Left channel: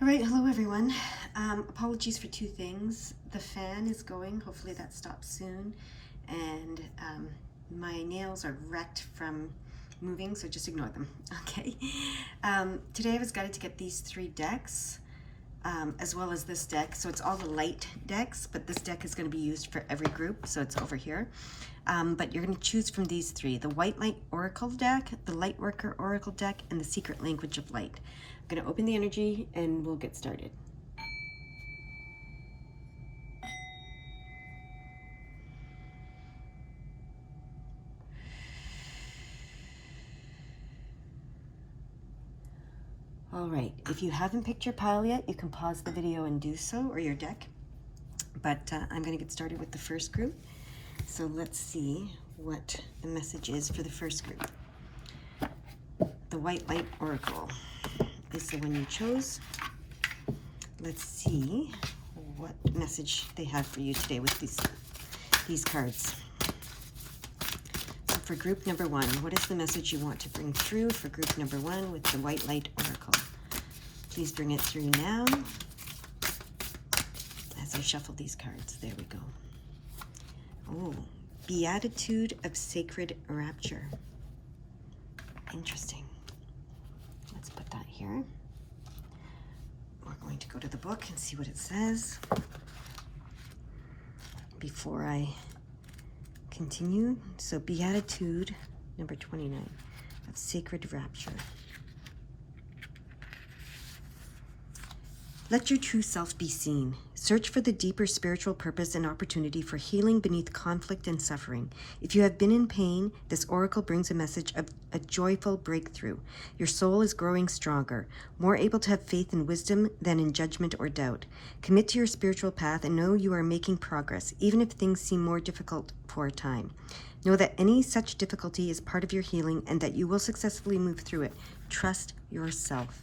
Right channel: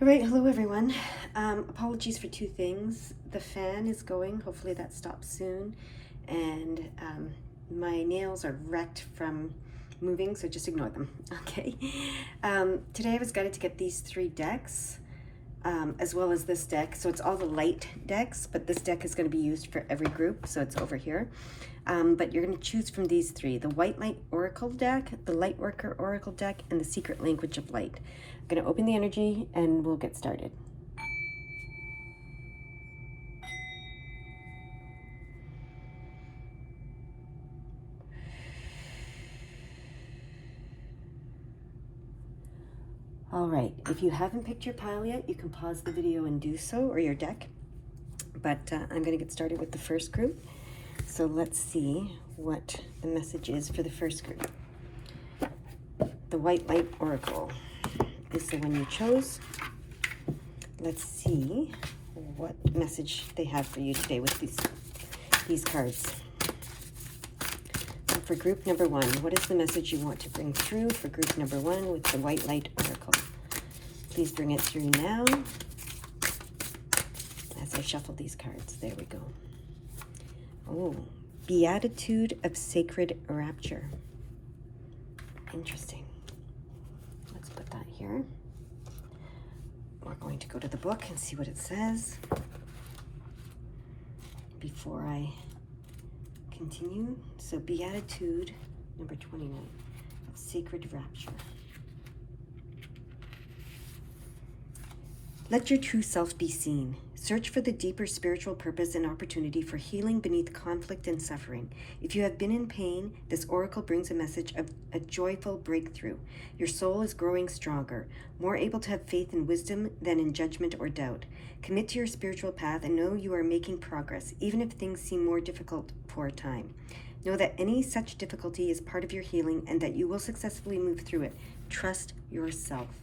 All right, hello everyone. Apologies for two things. The fan is going, hopefully that stops soon, and my nails are wrecked from moving, so just ignore them, okay? Today I was guided to get these three decks, as well as this deck. So it's all the light decks, but this deck is going to be used for every group, so it's over here. But you're going to choose from these three: the White Light Oracle deck, the Light Worker Oracle deck, and the Secret Language of Light. I'm going to open the energy and we'll get started. All right, if you haven't picked your pile yet, you can pause the video and do so, or your deck. But I'm going to get started with the first group. So let's see what the message is for the first group. The White Light Oracle is the one you chose. Let's see what message they have for you today with these cards. So for group number one, what is the message you want to bring through for group number one with the White Light Oracle? Please bring it through now as I shuffle these cards. There we go. Oh, Beatitude of Sacred Rapture. Interesting. Let's put that here. We're going to go to the book and see what it says before I continue. So Beatitude number 29 of Sacred Rapture. Let your true self be seen. Search for the deeper spiritual purpose and opportunity for healing beneath conflict and suffering. If you have been in pain, this oracle brings a message of a joyful breakthrough. Your soul is growing stronger, more able to have faith and wisdom than in judgment or doubt. Commit to your spiritual path and know you are making progress, even if things seem more difficult for a time. Know that any such difficulty is part of your healing and that you will successfully move through it. Trust yourself.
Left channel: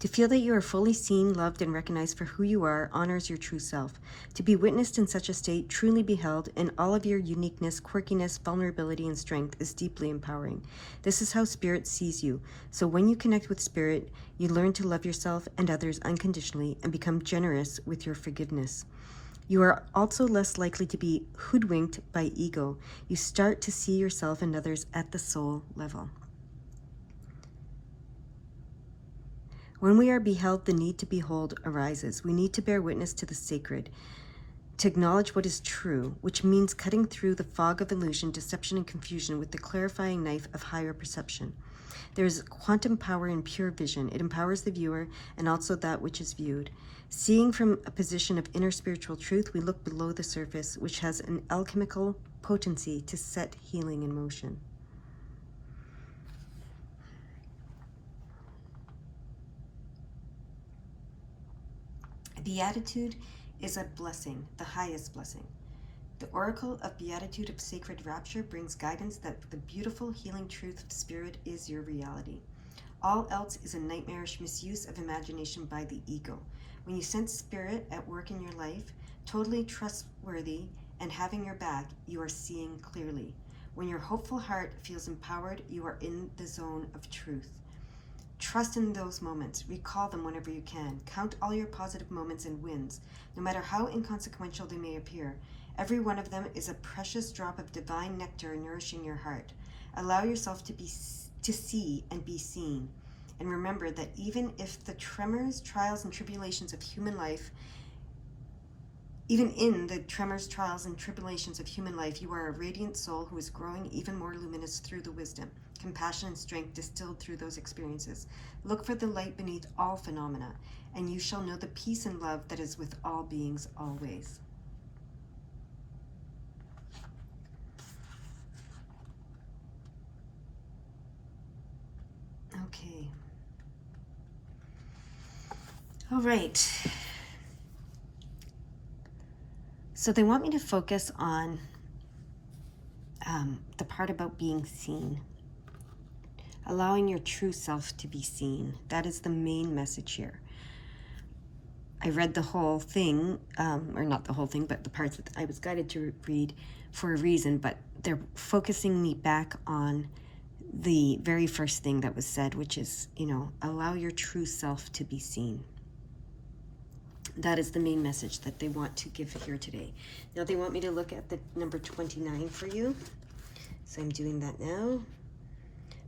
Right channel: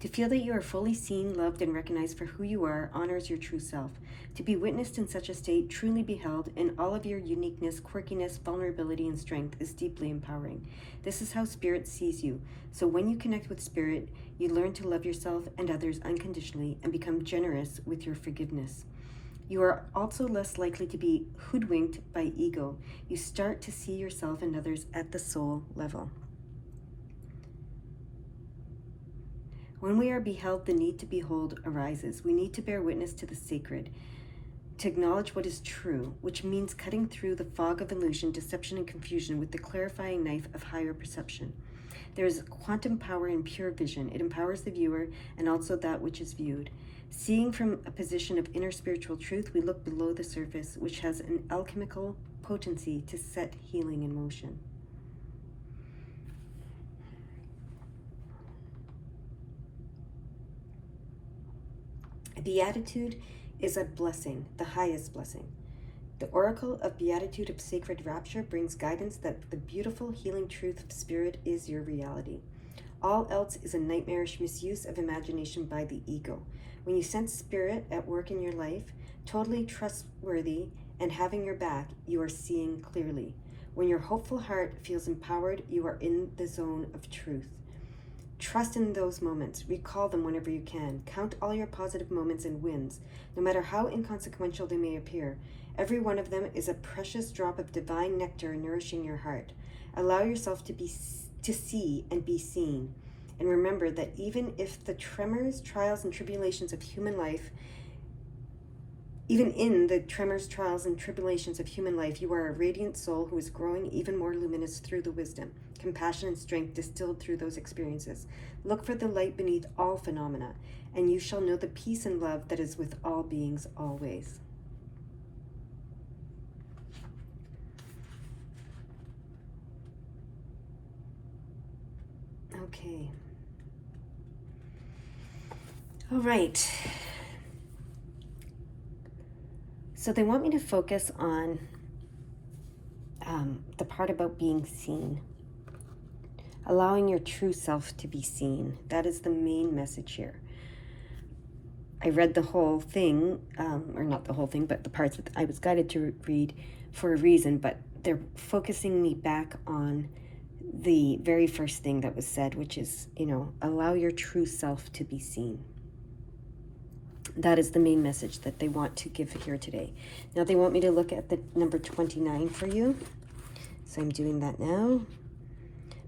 To feel that you are fully seen, loved, and recognized for who you are honors your true self. To be witnessed in such a state, truly beheld, in all of your uniqueness, quirkiness, vulnerability, and strength is deeply empowering. This is how Spirit sees you. So when you connect with Spirit, you learn to love yourself and others unconditionally and become generous with your forgiveness. You are also less likely to be hoodwinked by ego. You start to see yourself and others at the soul level. When we are beheld, the need to behold arises. We need to bear witness to the sacred, to acknowledge what is true, which means cutting through the fog of illusion, deception, and confusion with the clarifying knife of higher perception. There is quantum power in pure vision. It empowers the viewer and also that which is viewed. Seeing from a position of inner spiritual truth, we look below the surface, which has an alchemical potency to set healing in motion. Beatitude is a blessing, the highest blessing. The oracle of Beatitude of Sacred Rapture brings guidance that the beautiful healing truth of Spirit is your reality. All else is a nightmarish misuse of imagination by the ego. When you sense Spirit at work in your life, totally trustworthy and having your back, you are seeing clearly. When your hopeful heart feels empowered, you are in the zone of truth. Trust in those moments. Recall them whenever you can. Count all your positive moments and wins, no matter how inconsequential they may appear. Every one of them is a precious drop of divine nectar nourishing your heart. Allow yourself to see and be seen. And remember that even if the tremors, trials, and tribulations of human life, even in the tremors, trials, and tribulations of human life, you are a radiant soul who is growing even more luminous through the wisdom, compassion, and strength distilled through those experiences. Look for the light beneath all phenomena, and you shall know the peace and love that is with all beings always. Okay. All right. So they want me to focus on the part about being seen. Allowing your true self to be seen. That is the main message here. I read the whole thing, or not the whole thing, but the parts that I was guided to read for a reason, but they're focusing me back on the very first thing that was said, which is, allow your true self to be seen. That is the main message that they want to give here today. Now they want me to look at the number 29 for you. So I'm doing that now.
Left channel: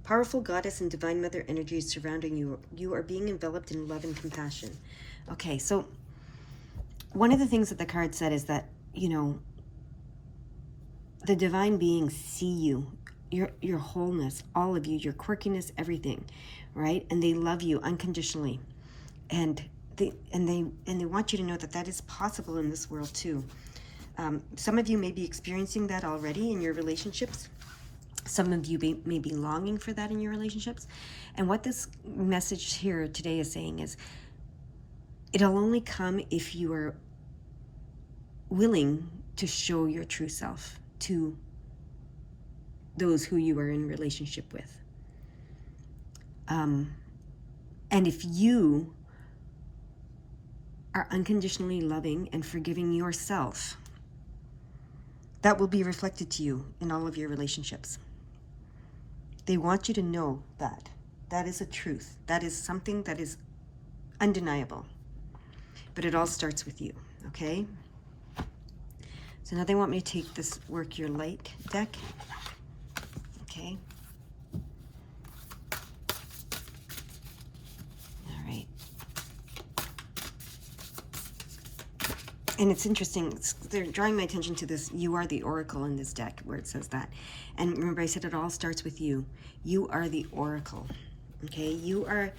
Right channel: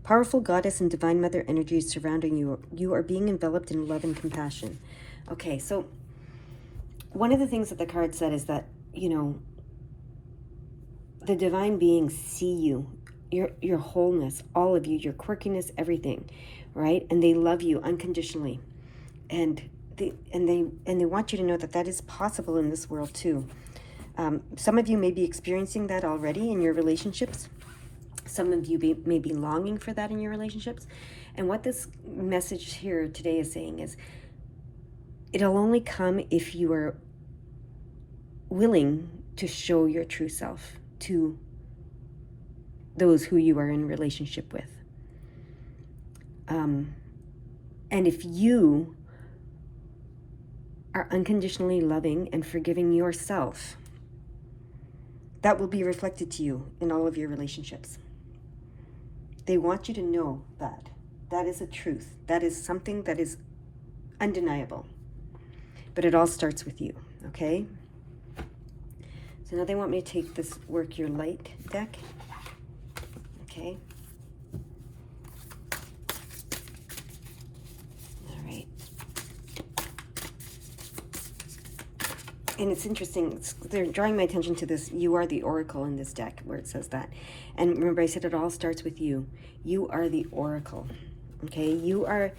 Powerful goddess and divine mother energies surrounding you. You are being enveloped in love and compassion. Okay, so one of the things that the card said is that, the divine beings see you, your wholeness, all of you, your quirkiness, everything, right? And they love you unconditionally. And they want you to know that that is possible in this world too. Some of you may be experiencing that already in your relationships. Some of you may be longing for that in your relationships. And what this message here today is saying is, it'll only come if you are willing to show your true self to those who you are in relationship with. And if you are unconditionally loving and forgiving yourself, that will be reflected to you in all of your relationships. They want you to know that. That is a truth. That is something that is undeniable. But it all starts with you, okay? So now they want me to take this Work Your Light deck. Okay. All right. And it's interesting. They're drawing my attention to this. You are the oracle in this deck where it says that. And remember, I said it all starts with you. You are the oracle. Okay. You are.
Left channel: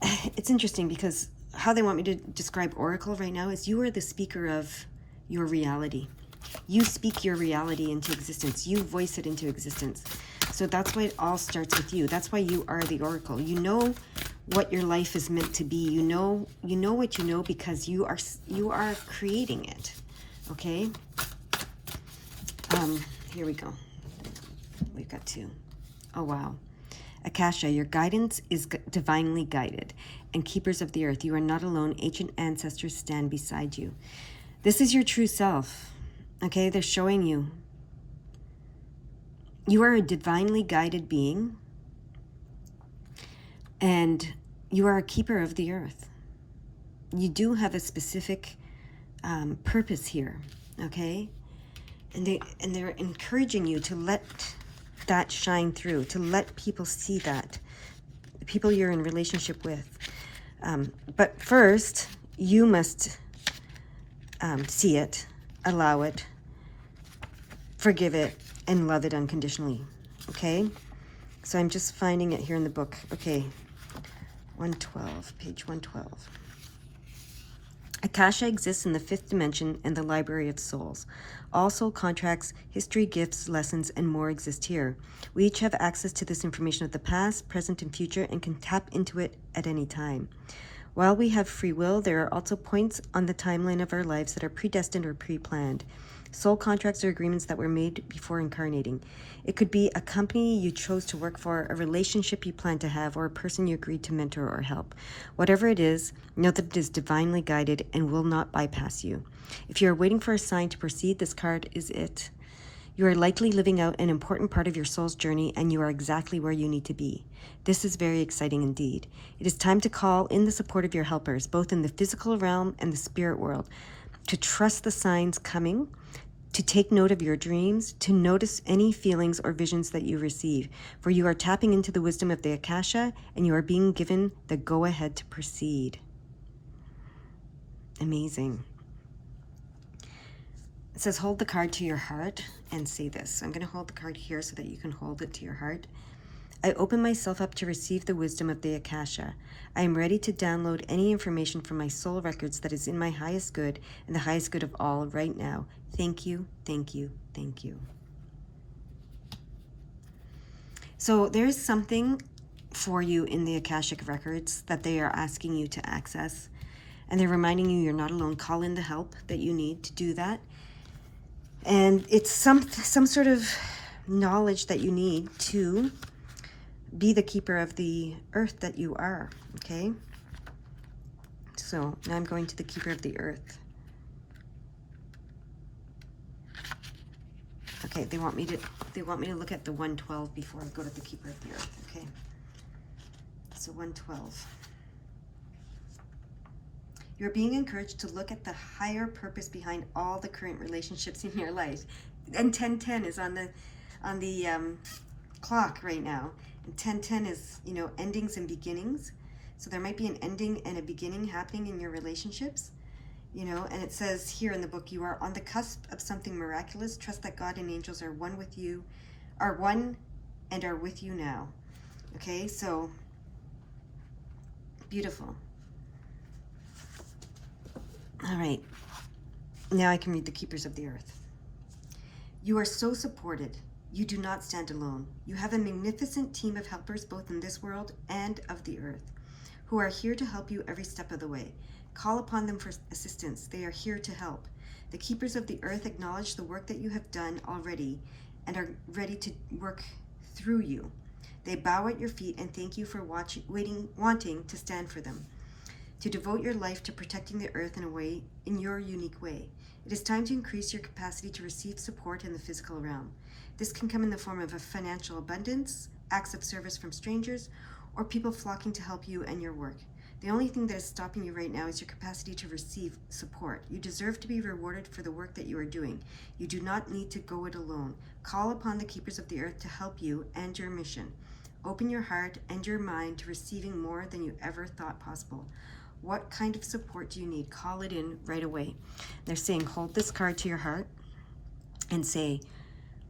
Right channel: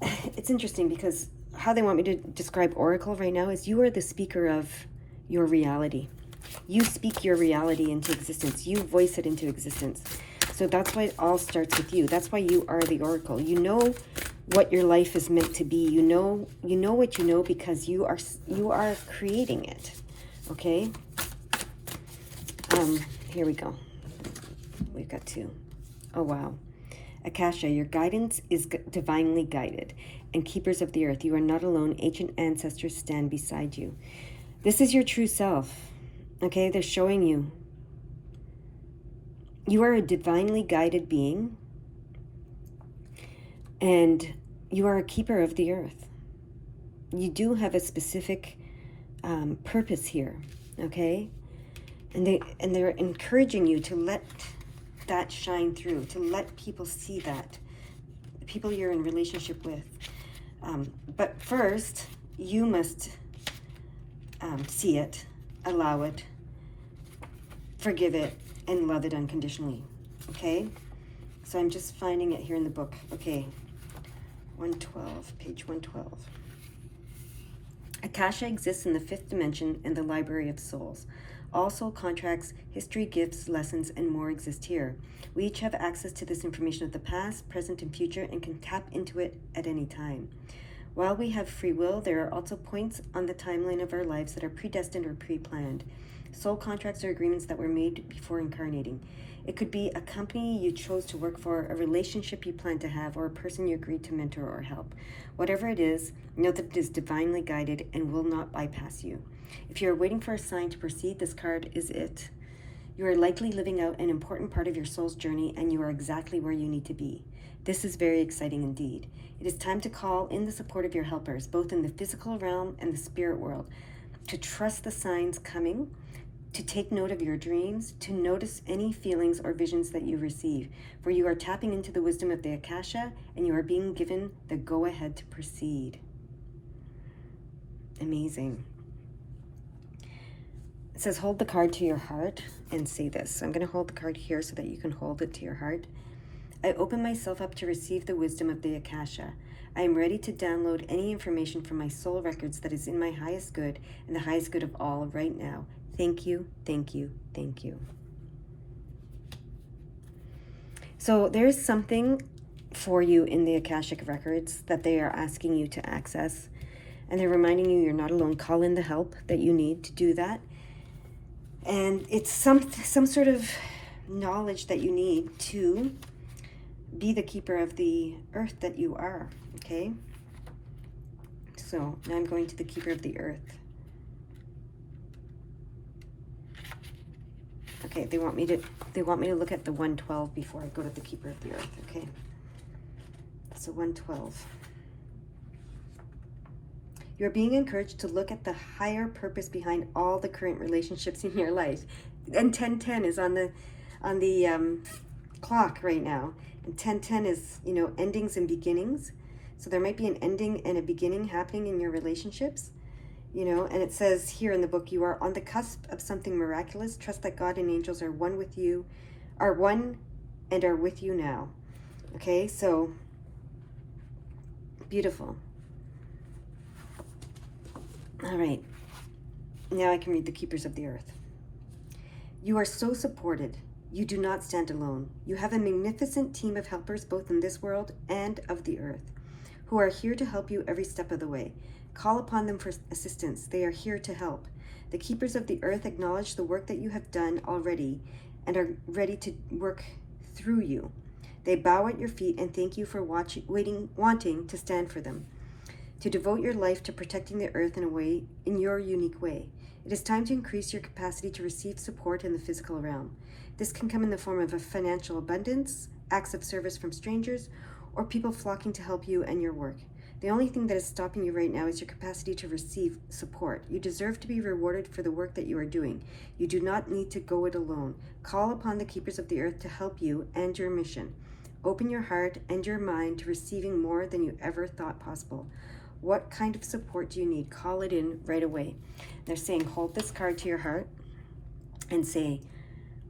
It's interesting because how they want me to describe oracle right now is you are the speaker of your reality. You speak your reality into existence. You voice it into existence. So that's why it all starts with you. That's why you are the oracle. You know what your life is meant to be. You know what you know because you are creating it. Okay? Here we go. We've got two. Oh wow. Akasha, your guidance is divinely guided, and keepers of the earth, you are not alone. Ancient ancestors stand beside you. This is your true self. Okay, they're showing you. You are a divinely guided being, and you are a keeper of the earth. You do have a specific purpose here, okay? And they're encouraging you to let that shine through, to let people see that, the people you're in relationship with. But first, you must see it, allow it, forgive it, and love it unconditionally. Okay? So I'm just finding it here in the book. Okay. 112, page 112. Akasha exists in the fifth dimension and the library of souls. All soul contracts, history, gifts, lessons, and more exist here. We each have access to this information of the past, present, and future and can tap into it at any time. While we have free will, there are also points on the timeline of our lives that are predestined or pre-planned. Soul contracts are agreements that were made before incarnating. It could be a company you chose to work for, a relationship you plan to have, or a person you agreed to mentor or help. Whatever it is, know that it is divinely guided and will not bypass you. If you are waiting for a sign to proceed, this card is it. You are likely living out an important part of your soul's journey, and you are exactly where you need to be. This is very exciting indeed. It is time to call in the support of your helpers, both in the physical realm and the spirit world, to trust the signs coming, to take note of your dreams, to notice any feelings or visions that you receive, for you are tapping into the wisdom of the Akasha, and you are being given the go-ahead to proceed. Amazing. It says, hold the card to your heart and say this. So I'm going to hold the card here so that you can hold it to your heart. I open myself up to receive the wisdom of the Akasha. I am ready to download any information from my soul records that is in my highest good and the highest good of all right now. Thank you, thank you, thank you. So there is something for you in the Akashic records that they are asking you to access. And they're reminding you you're not alone. Call in the help that you need to do that. And it's some sort of knowledge that you need to be the keeper of the earth that you are, okay? So now I'm going to the keeper of the earth. Okay, they want me to look at the 112 before I go to the Keeper of the Earth. Okay. So 112. You're being encouraged to look at the higher purpose behind all the current relationships in your life. And 1010 is on the clock right now. And 1010 is, you know, endings and beginnings. So there might be an ending and a beginning happening in your relationships. You know, and it says here in the book, you are on the cusp of something miraculous. Trust that God and angels are one with you, are one and are with you now. Okay, so beautiful. All right, now I can read the Keepers of the Earth. You are so supported. You do not stand alone. You have a magnificent team of helpers both in this world and of the earth, who are here to help you every step of the way. Call upon them for assistance. They are here to help. The Keepers of the Earth acknowledge the work that you have done already and are ready to work through you. They bow at your feet and thank you for wanting to stand for them, to devote your life to protecting the earth in your unique way. It is time to increase your capacity to receive support in the physical realm. This can come in the form of a financial abundance, acts of service from strangers, or people flocking to help you and your work. The only thing that is stopping you right now is your capacity to receive support. You deserve to be rewarded for the work that you are doing. You do not need to go it alone. Call upon the Keepers of the Earth to help you and your mission. Open your heart and your mind to receiving more than you ever thought possible. What kind of support do you need? Call it in right away. They're saying, hold this card to your heart and say,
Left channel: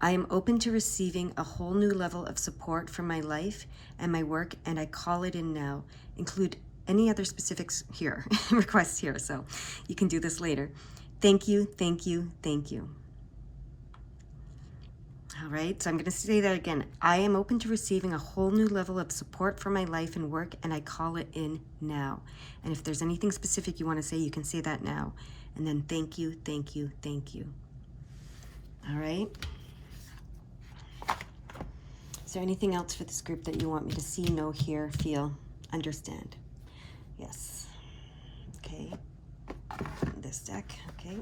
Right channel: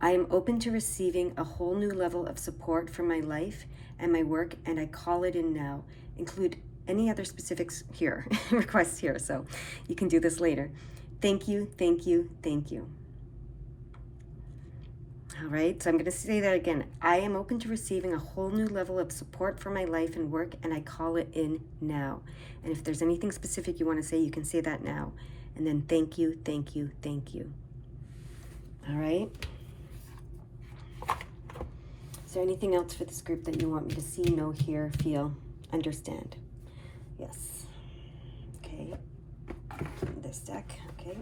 I am open to receiving a whole new level of support for my life and my work, and I call it in now. Include any other specifics here, requests here, so you can do this later. Thank you, thank you, thank you. All right, so I'm going to say that again. I am open to receiving a whole new level of support for my life and work, and I call it in now. And if there's anything specific you want to say, you can say that now. And then thank you, thank you, thank you. All right. Is there anything else for this group that you want me to see, know, hear, feel, understand? Yes. Okay. This deck. Okay.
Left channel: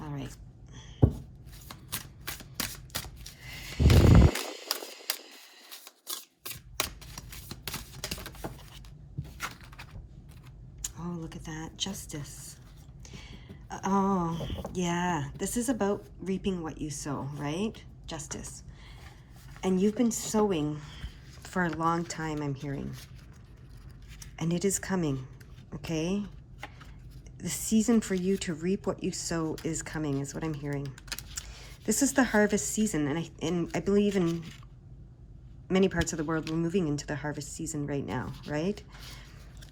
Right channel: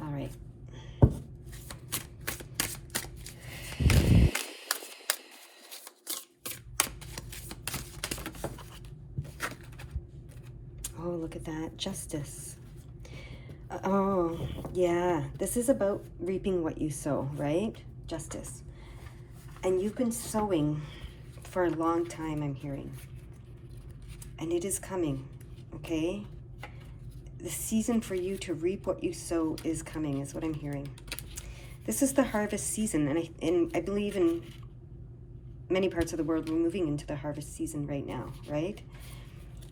All right. Oh, look at that. Justice. Oh, yeah. This is about reaping what you sow, right? Justice. And you've been sowing for a long time, I'm hearing. And it is coming, okay? The season for you to reap what you sow is coming, is what I'm hearing. This is the harvest season, and I believe in many parts of the world, we're moving into the harvest season right now, right?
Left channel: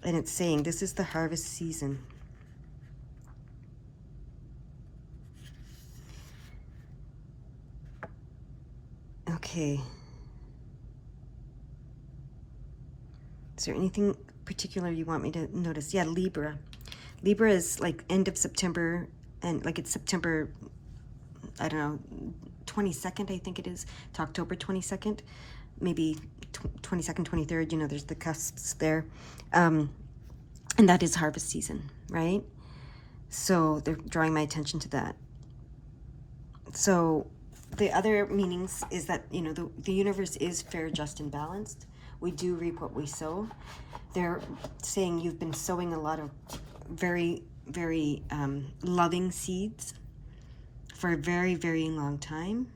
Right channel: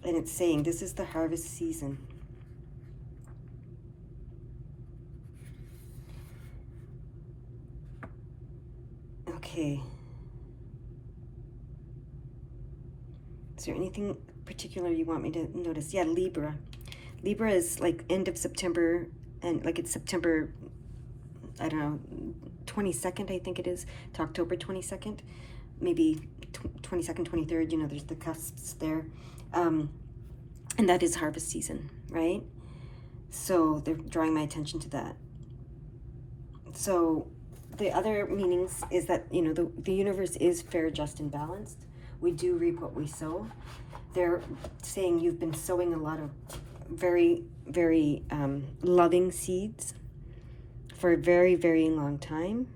And it's saying this is the harvest season. Okay. Is there anything particular you want me to notice? Yeah, Libra. Libra is like end of September, and like it's September, I don't know, 22nd, I think it is, to October 22nd, maybe 22nd, 23rd, you know, there's the cusps there. And that is harvest season, right? So they're drawing my attention to that. So the other meanings is that, you know, the universe is fair, just, and balanced. We do reap what we sow. They're saying you've been sowing a lot of very, very loving seeds for a very, very long time.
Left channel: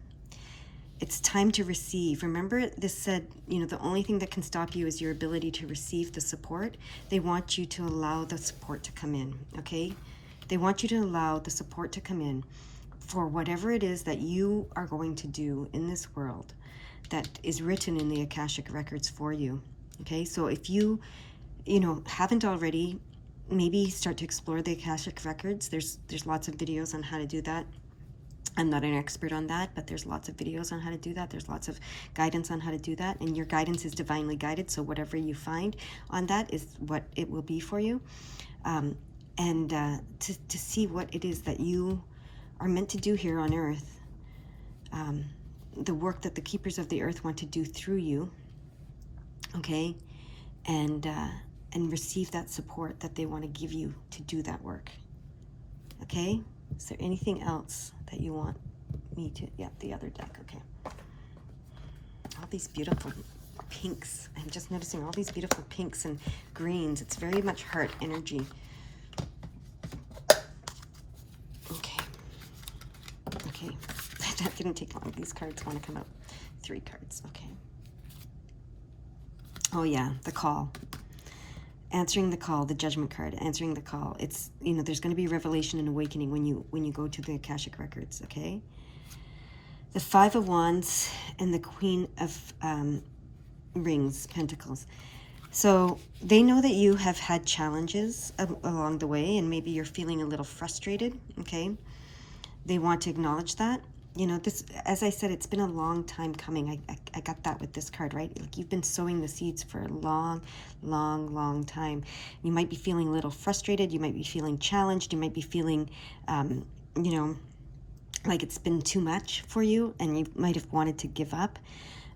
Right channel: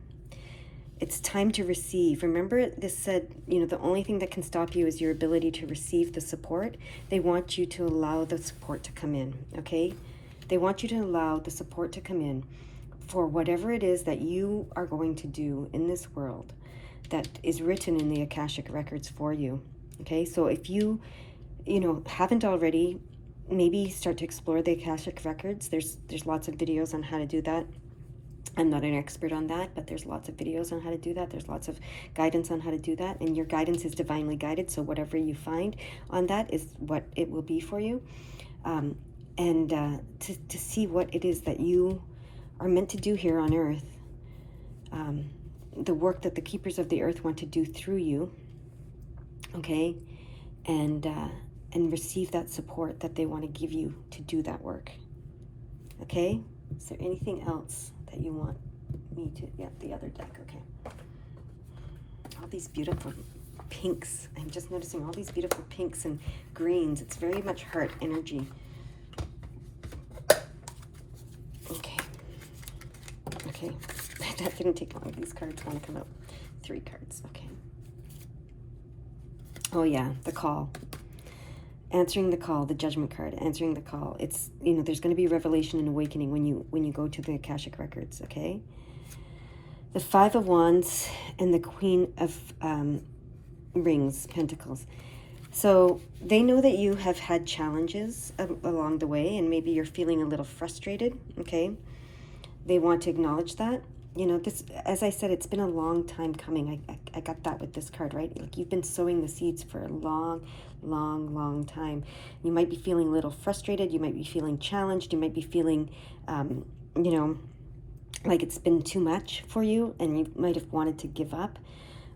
It's time to receive. Remember, this said, you know, the only thing that can stop you is your ability to receive the support. They want you to allow the support to come in, okay? They want you to allow the support to come in for whatever it is that you are going to do in this world that is written in the Akashic records for you, okay? So if you know, haven't already, maybe start to explore the Akashic records. There's lots of videos on how to do that. I'm not an expert on that, but there's lots of videos on how to do that. There's lots of guidance on how to do that, and your guidance is divinely guided, so whatever you find on that is what it will be for you. To see what it is that you are meant to do here on earth, the work that the Keepers of the Earth want to do through you, okay? and receive that support that they want to give you to do that work. Okay? Is there anything else that you want me to? Yeah, the other deck. Okay. All these beautiful pinks. I'm just noticing all these beautiful pinks and greens. It's very much heart energy. Okay. Okay. That didn't take long. These cards want to come out. 3 cards. Okay. Oh yeah, the call. Answering the call, the judgment card, answering the call. It's, you know, there's going to be revelation and awakening when you go to the Akashic records, okay? The 5 of Wands and the Queen of Rings, Pentacles. So they know that you have had challenges along the way, and maybe you're feeling a little frustrated, okay? They want to acknowledge that. You know, this, as I said, it's been a long time coming. I got that with this card, right? Like, you've been sowing the seeds for a long, long time. You might be feeling a little frustrated. You might be feeling challenged. You might be feeling, you know, like it's been too much for you, and you might have wanted to give up.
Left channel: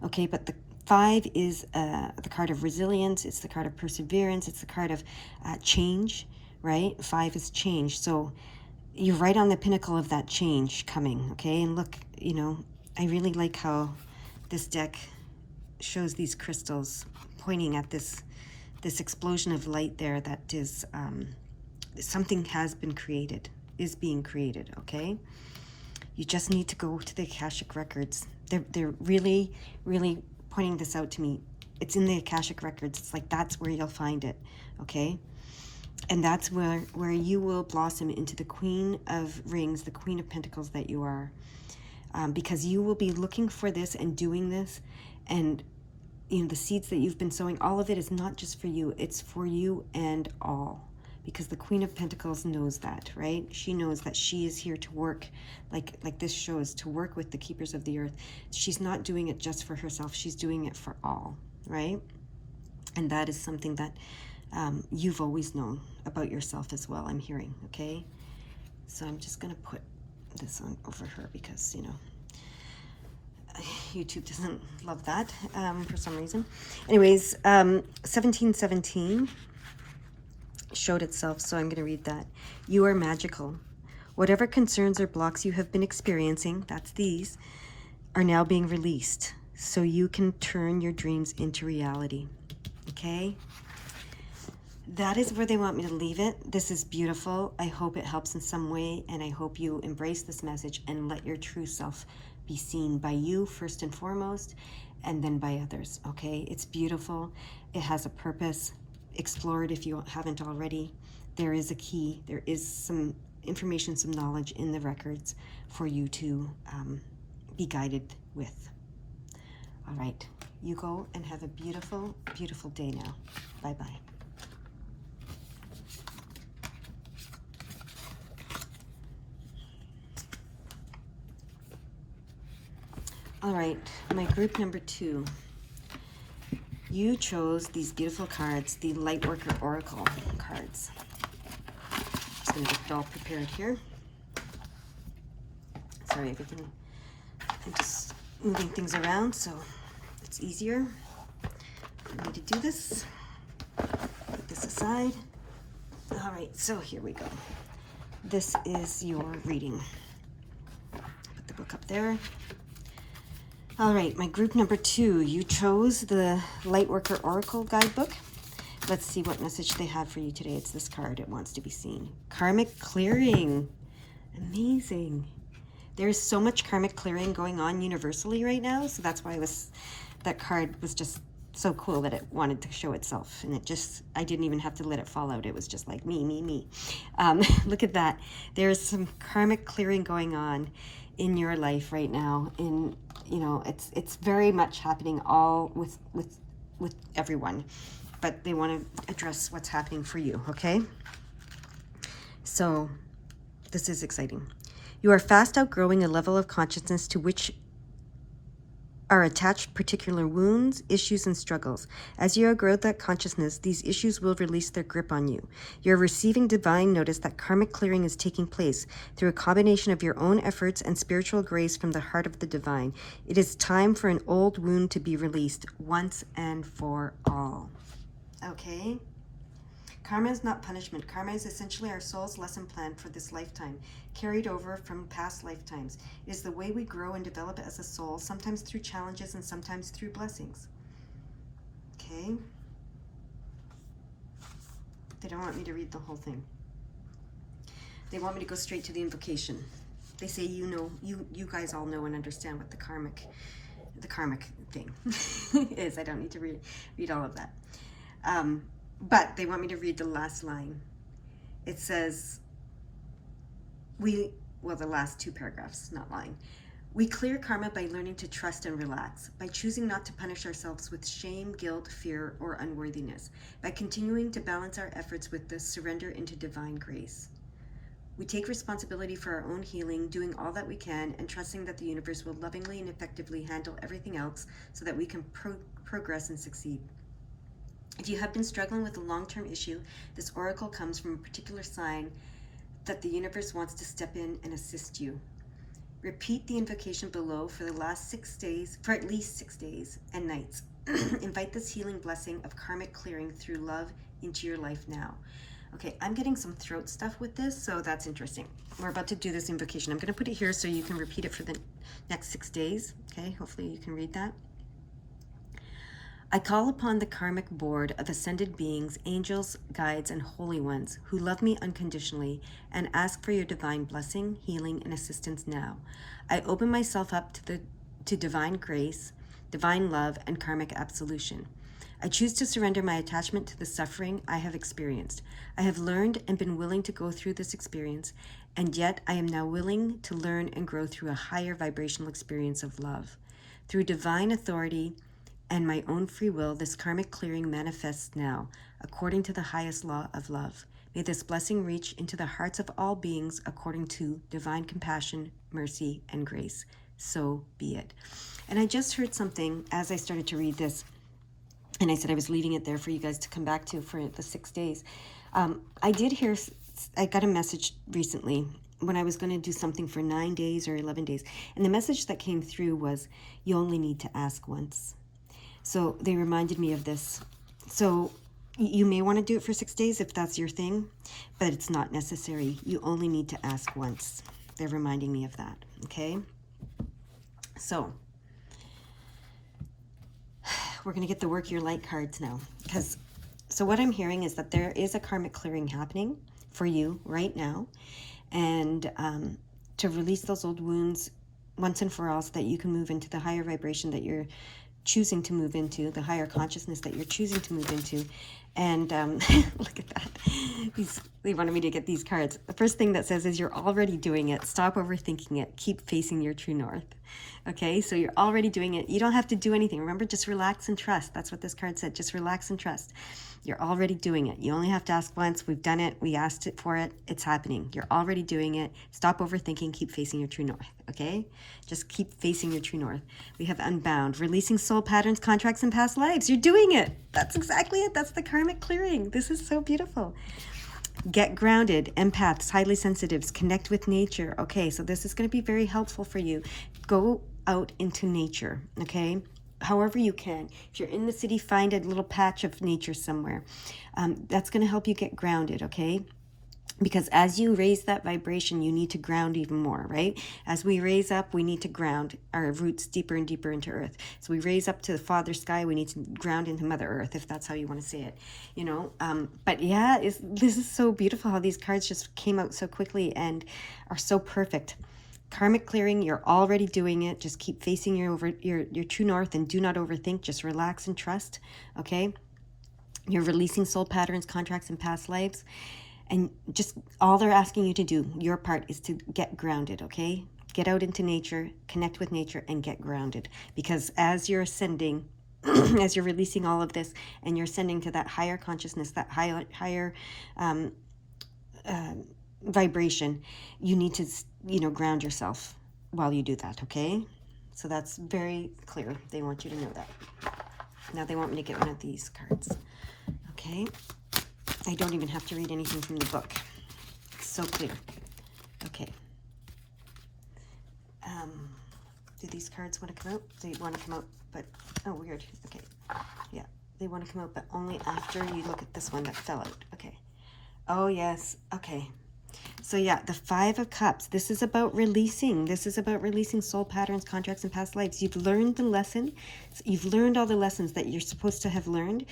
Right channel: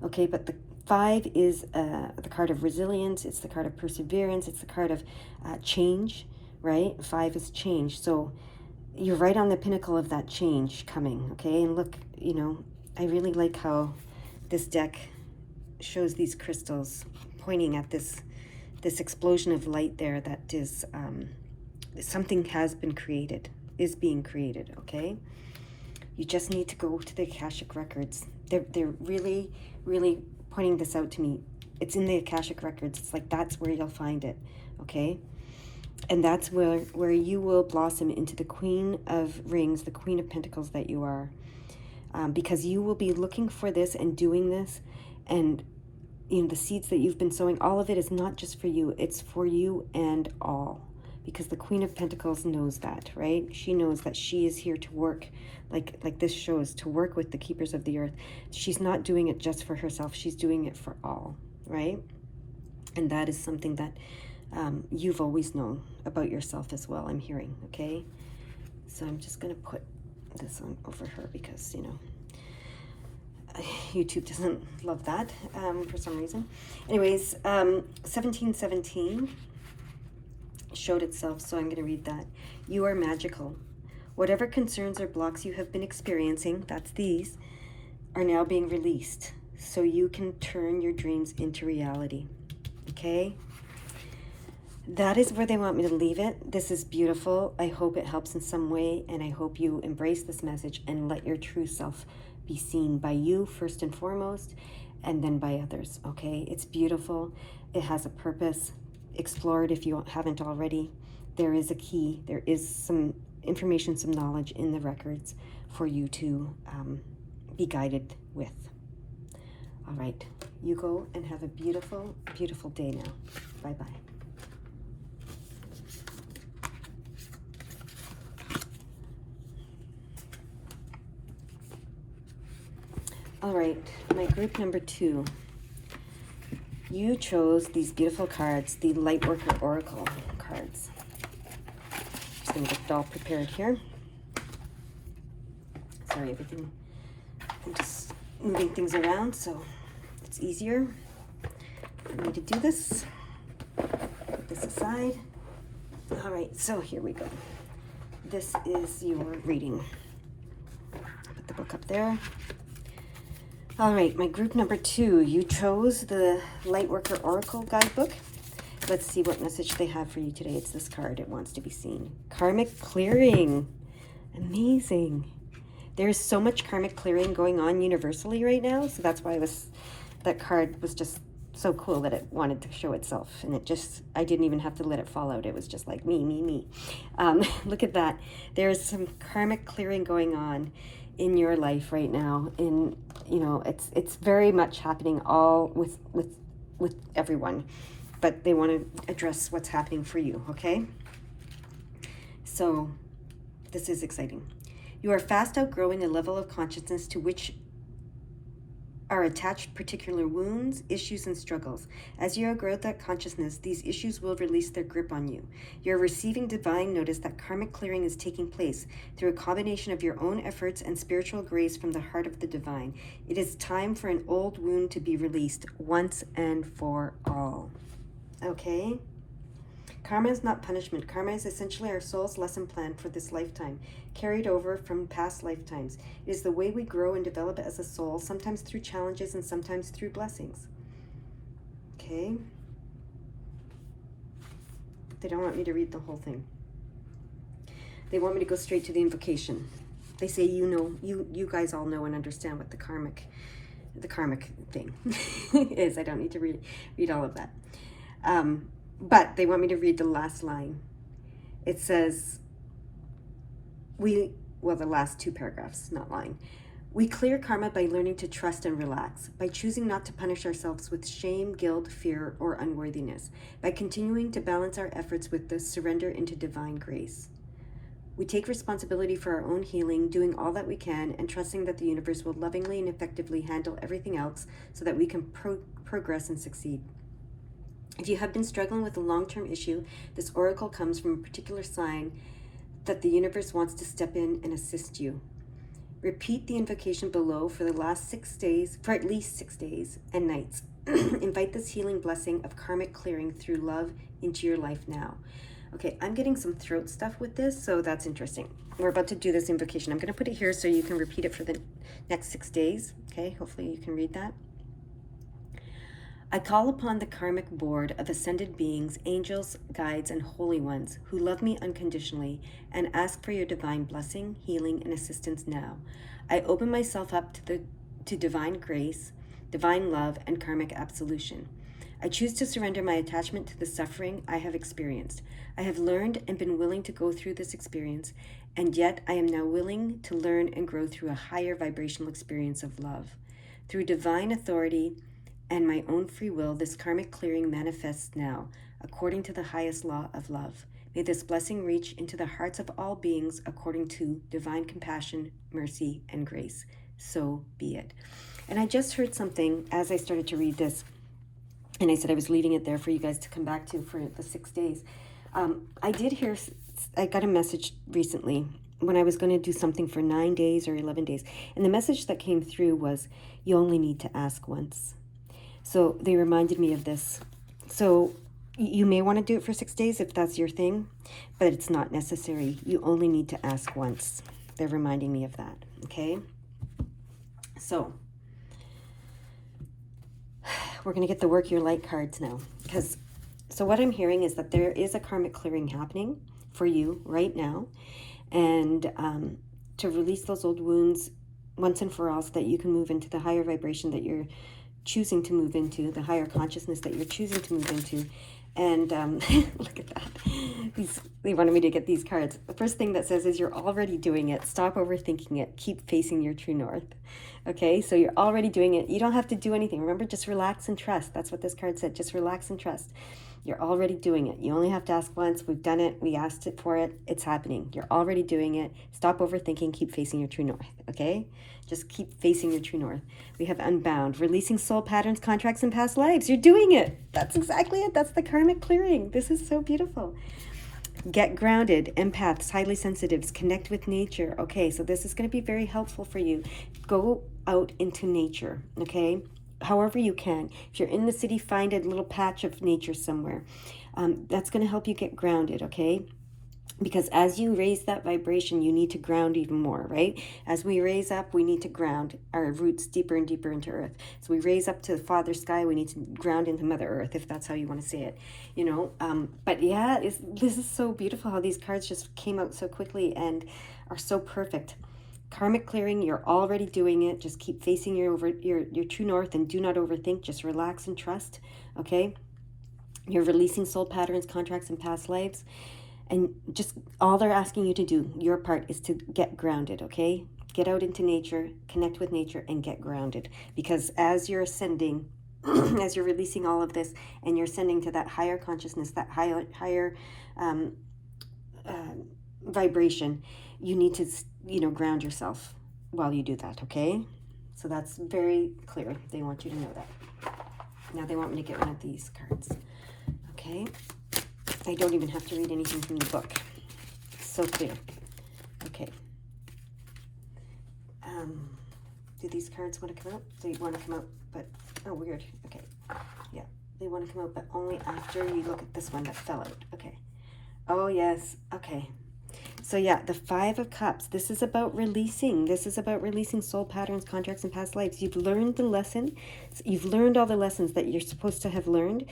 Okay, but the 5 is the card of resilience. It's the card of perseverance. It's the card of change, right? 5 is change. So you're right on the pinnacle of that change coming, okay? And look, you know, I really like how this deck shows these crystals pointing at this explosion of light there that is, something has been created, is being created, okay? You just need to go to the Akashic records. They're really, really pointing this out to me. It's in the Akashic records. It's like, that's where you'll find it, okay? And that's where you will blossom into the Queen of Rings, the Queen of Pentacles that you are. Because you will be looking for this and doing this. And, you know, the seeds that you've been sowing, all of it is not just for you. It's for you and all. Because the Queen of Pentacles knows that, right? She knows that she is here to work, like this shows, to work with the keepers of the earth. She's not doing it just for herself. She's doing it for all, right? And that is something that you've always known about yourself as well, I'm hearing, okay? So I'm just going to put this on over her because, you know, YouTube doesn't love that for some reason. Anyways, 1717 showed itself, so I'm going to read that. You are magical. Whatever concerns or blocks you have been experiencing, that's these, are now being released so you can turn your dreams into reality, okay? That is where they want me to leave it. This is beautiful. I hope it helps in some way, and I hope you embrace this message and let your true self be seen by you first and foremost, and then by others, okay? It's beautiful. It has a purpose. Explore it if you haven't already. There is a key. There is some information, some knowledge in the records for you to be guided with. All right. You go and have a beautiful, beautiful day now. Bye-bye. All right, my group number 2. You chose these beautiful cards, the Lightworker Oracle cards. Just going to get it all prepared here. Sorry, everything. I'm just moving things around so it's easier for me to do this. Put this aside. All right, so here we go. This is your reading. Put the book up there. All right, my group number 2, you chose the Lightworker Oracle Guidebook. Let's see what message they have for you today. It's this card. It wants to be seen. Karmic clearing. Amazing. There is so much karmic clearing going on universally right now, so that's why that card was just so cool that it wanted to show itself. And I didn't even have to let it fall out. It was just like me. Look at that. There's some karmic clearing going on in your life right now. You know, it's very much happening all with everyone, but they want to address what's happening for you, okay? So this is exciting. You are fast outgrowing a level of consciousness to which are attached particular wounds, issues, and struggles. As you outgrow that consciousness, these issues will release their grip on you. You're receiving divine notice that karmic clearing is taking place through a combination of your own efforts and spiritual grace from the heart of the divine. It is time for an old wound to be released once and for all. Okay? Karma is not punishment. Karma is essentially our soul's lesson plan for this lifetime, carried over from past lifetimes. It is the way we grow and develop as a soul, sometimes through challenges and sometimes through blessings. Okay? They don't want me to read the whole thing. They want me to go straight to the invocation. They say, you guys all know and understand what the karmic thing is. I don't need to read all of that. But they want me to read the last line. It says, the last two paragraphs, not line. We clear karma by learning to trust and relax, by choosing not to punish ourselves with shame, guilt, fear, or unworthiness, by continuing to balance our efforts with the surrender into divine grace. We take responsibility for our own healing, doing all that we can, and trusting that the universe will lovingly and effectively handle everything else so that we can progress and succeed. If you have been struggling with a long-term issue, this oracle comes from a particular sign that the universe wants to step in and assist you. Repeat the invocation below for at least 6 days and nights. Invite this healing blessing of karmic clearing through love into your life now. Okay, I'm getting some throat stuff with this, so that's interesting. We're about to do this invocation. I'm going to put it here so you can repeat it for the next 6 days. Okay, hopefully you can read that. I call upon the karmic board of ascended beings, angels, guides, and holy ones who love me unconditionally and ask for your divine blessing, healing, and assistance now. I open myself up to divine grace, divine love, and karmic absolution. I choose to surrender my attachment to the suffering I have experienced. I have learned and been willing to go through this experience, and yet I am now willing to learn and grow through a higher vibrational experience of love. Through divine authority and my own free will, this karmic clearing manifests now, according to the highest law of love. May this blessing reach into the hearts of all beings according to divine compassion, mercy, and grace. So be it. And I just heard something as I started to read this, and I said I was leaving it there for you guys to come back to for the 6 days. I got a message recently when I was going to do something for 9 days or 11 days. And the message that came through was, you only need to ask once. So they reminded me of this. So you may want to do it for 6 days if that's your thing, but it's not necessary. You only need to ask once. They're reminding me of that. Okay. So we're going to get the work your light cards now. So what I'm hearing is that there is a karmic clearing happening for you right now. And to release those old wounds once and for all so that you can move into the higher vibration that you're choosing to move into, the higher consciousness that you're choosing to move into. And look at that. They wanted me to get these cards. The first thing that says is you're already doing it. Stop overthinking it. Keep facing your true north. Okay, so you're already doing it. You don't have to do anything. Remember, just relax and trust. That's what this card said. Just relax and trust. You're already doing it. You only have to ask once. We've done it. We asked it for it. It's happening. You're already doing it. Stop overthinking. Keep facing your true north. Okay? Just keep facing your true north. We have unbound, releasing soul patterns, contracts, and past lives. You're doing it. That's exactly it. That's the karmic clearing. This is so beautiful. Get grounded. Empaths, highly sensitives, connect with nature. Okay, so this is going to be very helpful for you. Go out into nature, okay? However you can. If you're in the city, find a little patch of nature somewhere. That's going to help you get grounded, okay? Because as you raise that vibration, you need to ground even more, right? As we raise up, we need to ground our roots deeper and deeper into earth. So we raise up to the Father Sky, we need to ground into Mother Earth, if that's how you want to say it, you know? But yeah, this is so beautiful how these cards just came out so quickly and are so perfect. Karmic clearing, you're already doing it. Just keep facing your true north and do not overthink. Just relax and trust, okay? You're releasing soul patterns, contracts, and past lives. And just all they're asking you to do, your part, is to get grounded, okay? Get out into nature, connect with nature, and get grounded. Because as you're ascending, as you're releasing all of this, and you're ascending to that higher consciousness, that higher vibration, you need to, ground yourself while you do that, okay? So that's very clear. They want you to know that. Now they want me to get one of these cards, okay? I don't even have to read anything from the book. It's so clear. Okay. Do these cards want to come out? They want to come out, but, oh, weird. Okay. Yeah. They want to come out, but only after you look at this one that fell out. Okay. Oh, yes. Okay. So yeah, the Five of Cups, this is about releasing. This is about releasing soul patterns, contracts, and past lives. You've learned the lesson. You've learned all the lessons that you're supposed to have learned.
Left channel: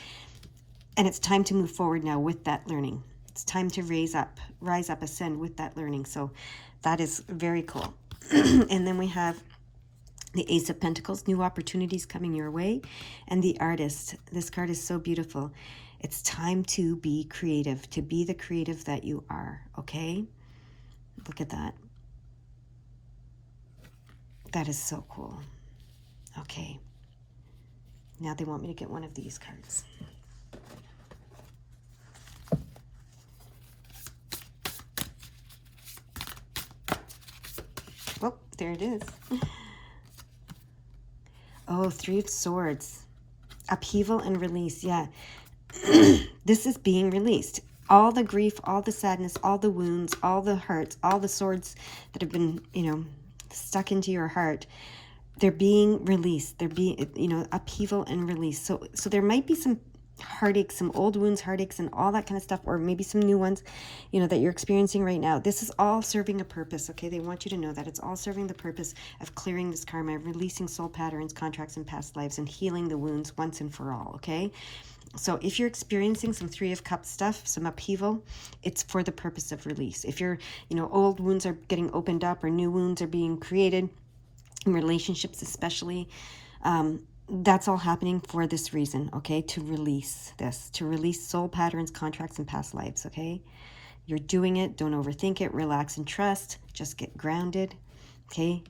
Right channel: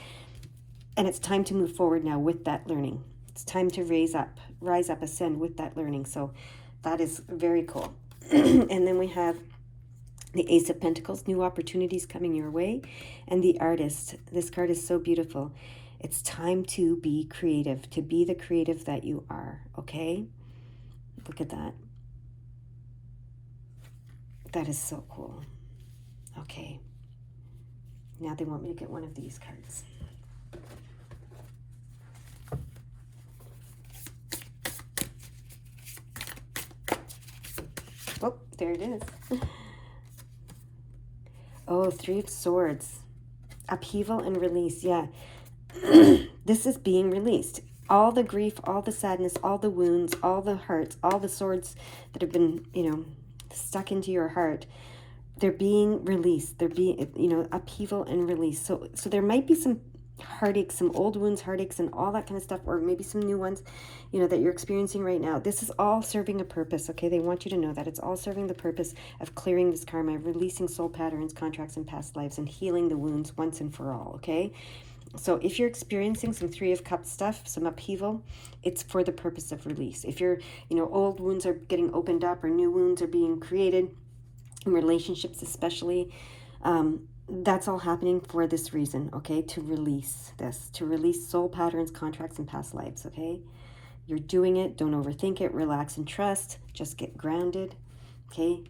And it's time to move forward now with that learning. It's time to rise up, ascend with that learning. So that is very cool. And then we have the Ace of Pentacles, new opportunities coming your way. And the Artist. This card is so beautiful. It's time to be creative, to be the creative that you are, okay? Look at that. That is so cool. Okay. Now they want me to get one of these cards. Oh, there it is. Oh, Three of Swords. Upheaval and release. Yeah. This is being released. All the grief, all the sadness, all the wounds, all the hurts, all the swords that have been, stuck into your heart, they're being released. They're being, upheaval and release. So there might be some heartaches, some old wounds, heartaches, and all that kind of stuff, or maybe some new ones, that you're experiencing right now. This is all serving a purpose, okay? They want you to know that it's all serving the purpose of clearing this karma, releasing soul patterns, contracts, and past lives, and healing the wounds once and for all, okay? So if you're experiencing some Three of Cups stuff, some upheaval, it's for the purpose of release. If you're, old wounds are getting opened up or new wounds are being created, in relationships especially, that's all happening for this reason, okay? To release this, to release soul patterns, contracts, and past lives, okay? You're doing it. Don't overthink it. Relax and trust. Just get grounded, okay?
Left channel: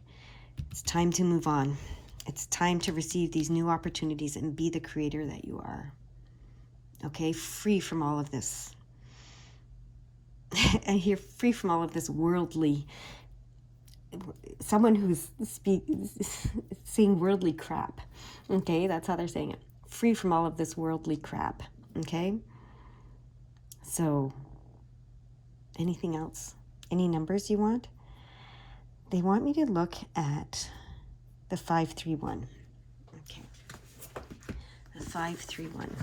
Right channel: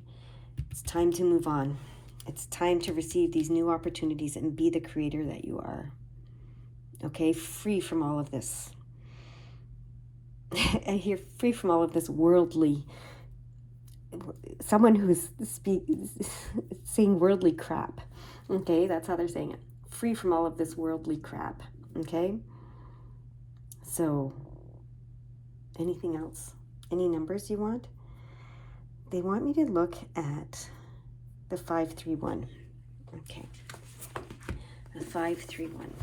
It's time to move on. It's time to receive these new opportunities and be the creator that you are. Okay, free from all of this. And you're free from all of this worldly, someone who's saying worldly crap. Okay, that's how they're saying it. Free from all of this worldly crap. Okay? So, anything else? Any numbers you want? They want me to look at the 531. Okay. The 531.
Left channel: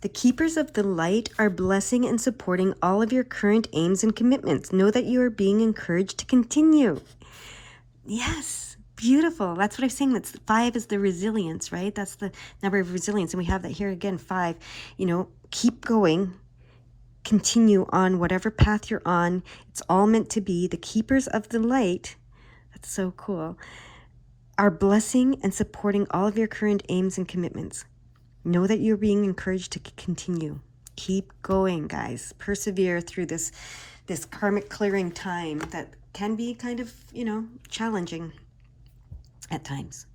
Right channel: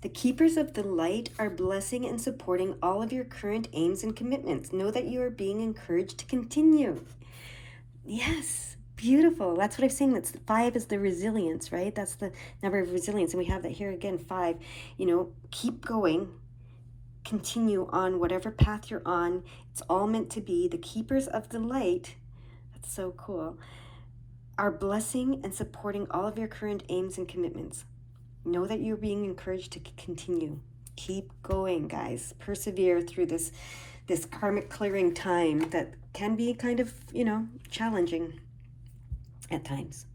The keepers of the light are blessing and supporting all of your current aims and commitments. Know that you are being encouraged to continue. Yes, beautiful. That's what I'm saying. That's 5 is the resilience, right? That's the number of resilience. And we have that here again, 5. Keep going. Continue on whatever path you're on. It's all meant to be. The keepers of the light, that's so cool, are blessing and supporting all of your current aims and commitments. Know that you're being encouraged to continue. Keep going, guys. Persevere through this karmic clearing time that can be kind of, challenging at times.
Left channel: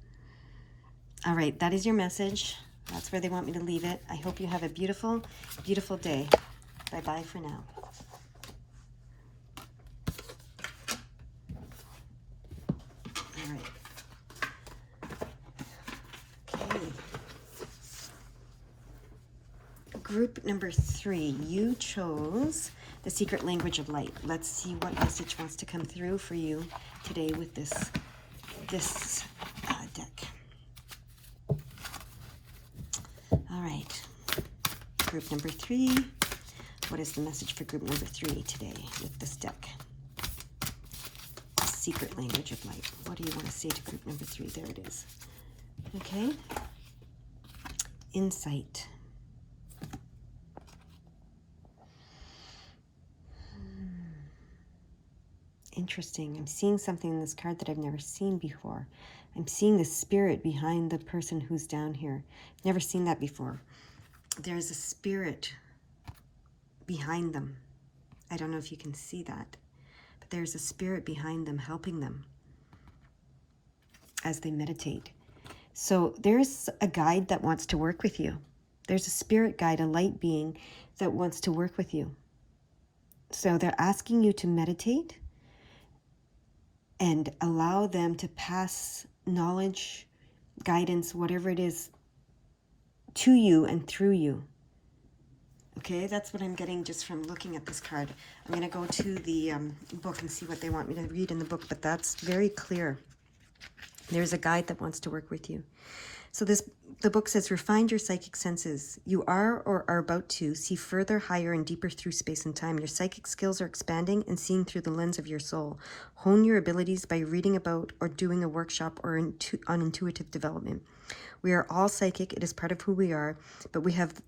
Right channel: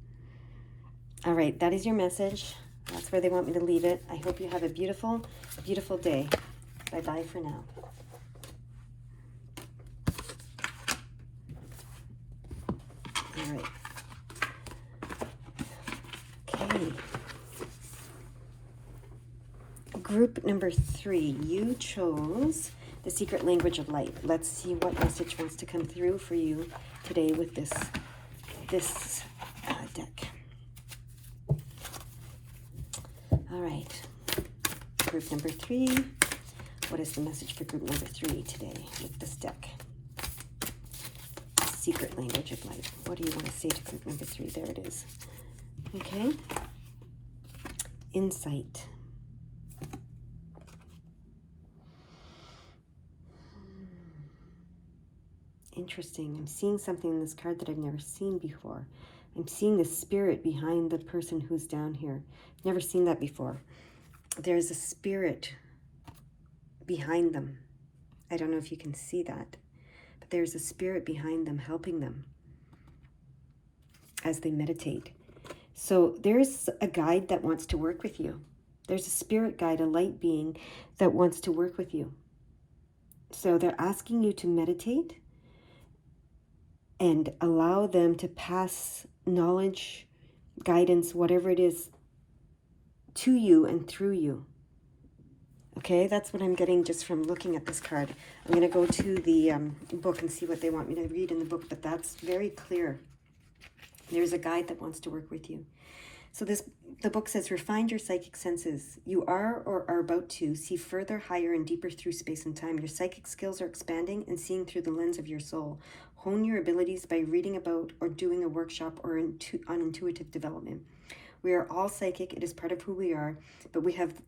All right, that is your message. That's where they want me to leave it. I hope you have a beautiful, beautiful day. Bye-bye for now. All right. Okay. Group number 3, you chose the secret language of light. Let's see what message wants to come through for you today with this deck. All right, group number 3. What is the message for group number 3 today with this deck? Secret language of light. What do you want to say to group number 3? There it is. Okay. Insight. Interesting. I'm seeing something in this card that I've never seen before. I'm seeing the spirit behind the person who's down here. Never seen that before. There's a spirit behind them. I don't know if you can see that, but there's a spirit behind them helping them as they meditate. So there's a guide that wants to work with you. There's a spirit guide, a light being that wants to work with you. So they're asking you to meditate and allow them to pass knowledge, guidance, whatever it is, to you and through you. Okay, that's what I'm getting just from looking at this card. I'm going to go to the book and see what they want me to read in the book, but that's very clear. There's a guide that wants to work with you. So the book says, refine your psychic senses. You are or are about to see further, higher, and deeper through space and time. Your psychic skills are expanding and seeing through the lens of your soul. Hone your abilities by reading about or doing a workshop or on intuitive development. We are all psychic. It is part of who we are, but we have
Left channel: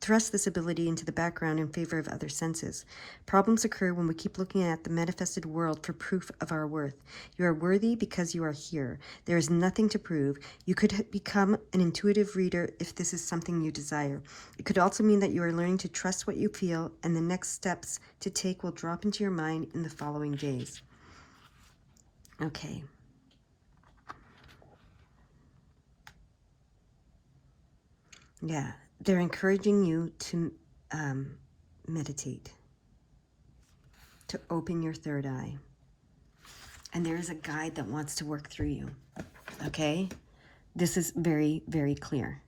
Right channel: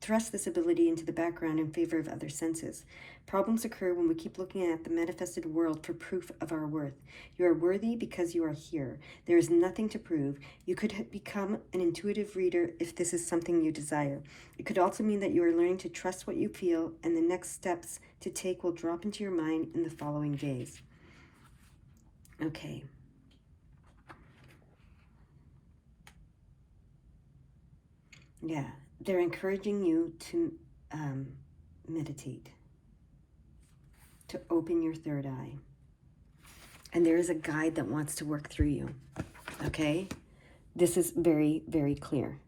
thrust this ability into the background in favor of other senses. Problems occur when we keep looking at the manifested world for proof of our worth. You are worthy because you are here. There is nothing to prove. You could become an intuitive reader if this is something you desire. It could also mean that you are learning to trust what you feel, and the next steps to take will drop into your mind in the following days. Okay. Yeah, they're encouraging you to meditate, to open your third eye. And there is a guide that wants to work through you. Okay? This is very, very clear.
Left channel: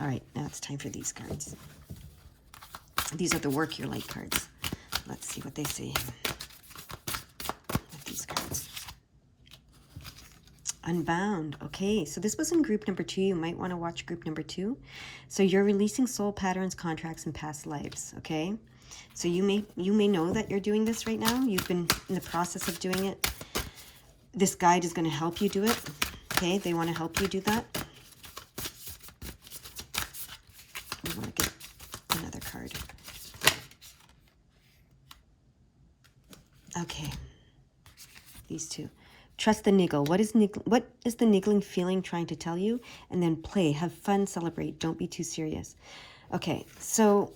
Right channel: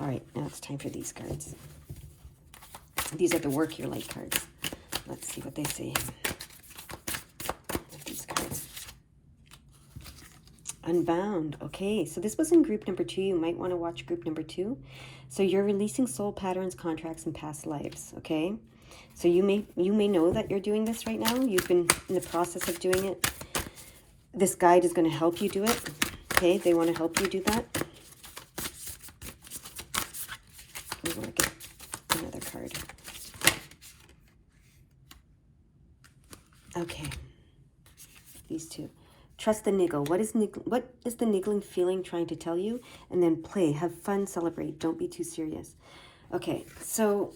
All right, now it's time for these cards. These are the Work Your Light cards. Let's see what they say with these cards. Unbound. Okay, so this was in group number 2. You might want to watch group number 2. So you're releasing soul patterns, contracts, and past lives. Okay, so you may know that you're doing this right now. You've been in the process of doing it. This guide is going to help you do it. Okay, they want to help you do that. We want to get another card. Okay, these two. Trust the niggle. What is the niggling feeling trying to tell you? And then play, have fun, celebrate. Don't be too serious. Okay, so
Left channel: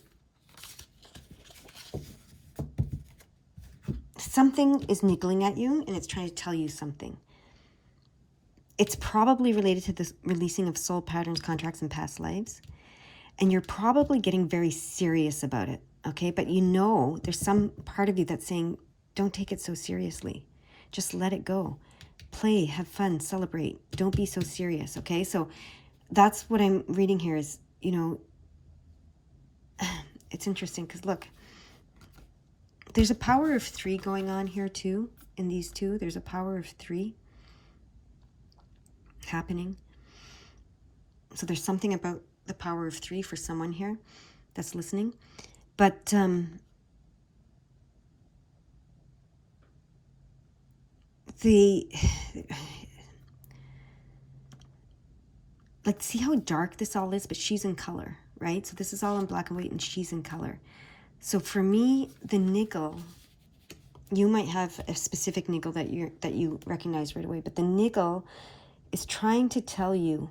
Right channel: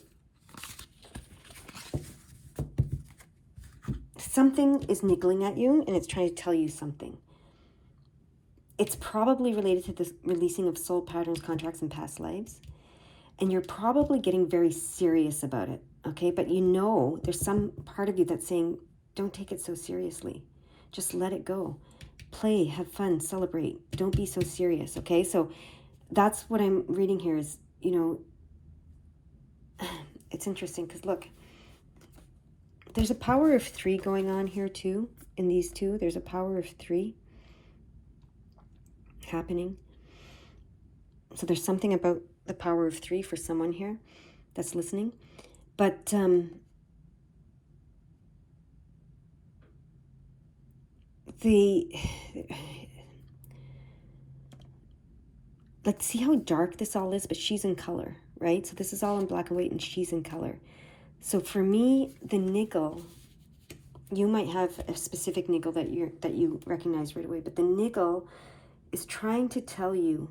something is niggling at you, and it's trying to tell you something. It's probably related to the releasing of soul patterns, contracts, and past lives. And you're probably getting very serious about it, okay? But you know there's some part of you that's saying, don't take it so seriously. Just let it go. Play, have fun, celebrate. Don't be so serious, okay? So that's what I'm reading here is, you know, it's interesting because look, there's a power of 3 going on here too. In these two, there's a power of 3 happening. So there's something about the power of 3 for someone here that's listening. But like, see how dark this all is, but she's in color, right? So this is all in black and white and she's in color. So for me, the niggle, you might have a specific niggle that you recognize right away, but the niggle is trying to tell you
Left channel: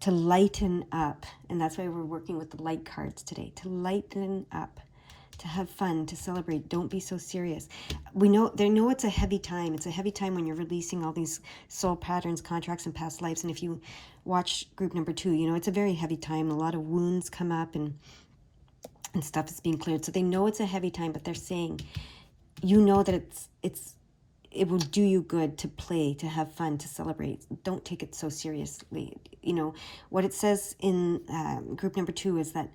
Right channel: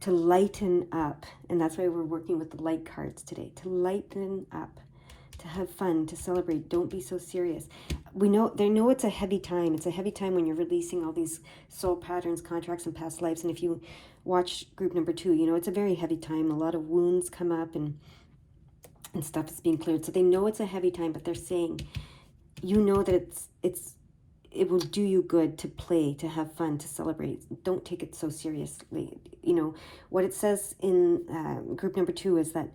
to lighten up. And that's why we're working with the light cards today, to lighten up, to have fun, to celebrate. Don't be so serious. They know it's a heavy time. It's a heavy time when you're releasing all these soul patterns, contracts, and past lives. And if you watch group number 2, you know, it's a very heavy time. A lot of wounds come up and stuff is being cleared. So they know it's a heavy time, but they're saying, you know that it will do you good to play, to have fun, to celebrate. Don't take it so seriously. You know, what it says in group number 2 is that,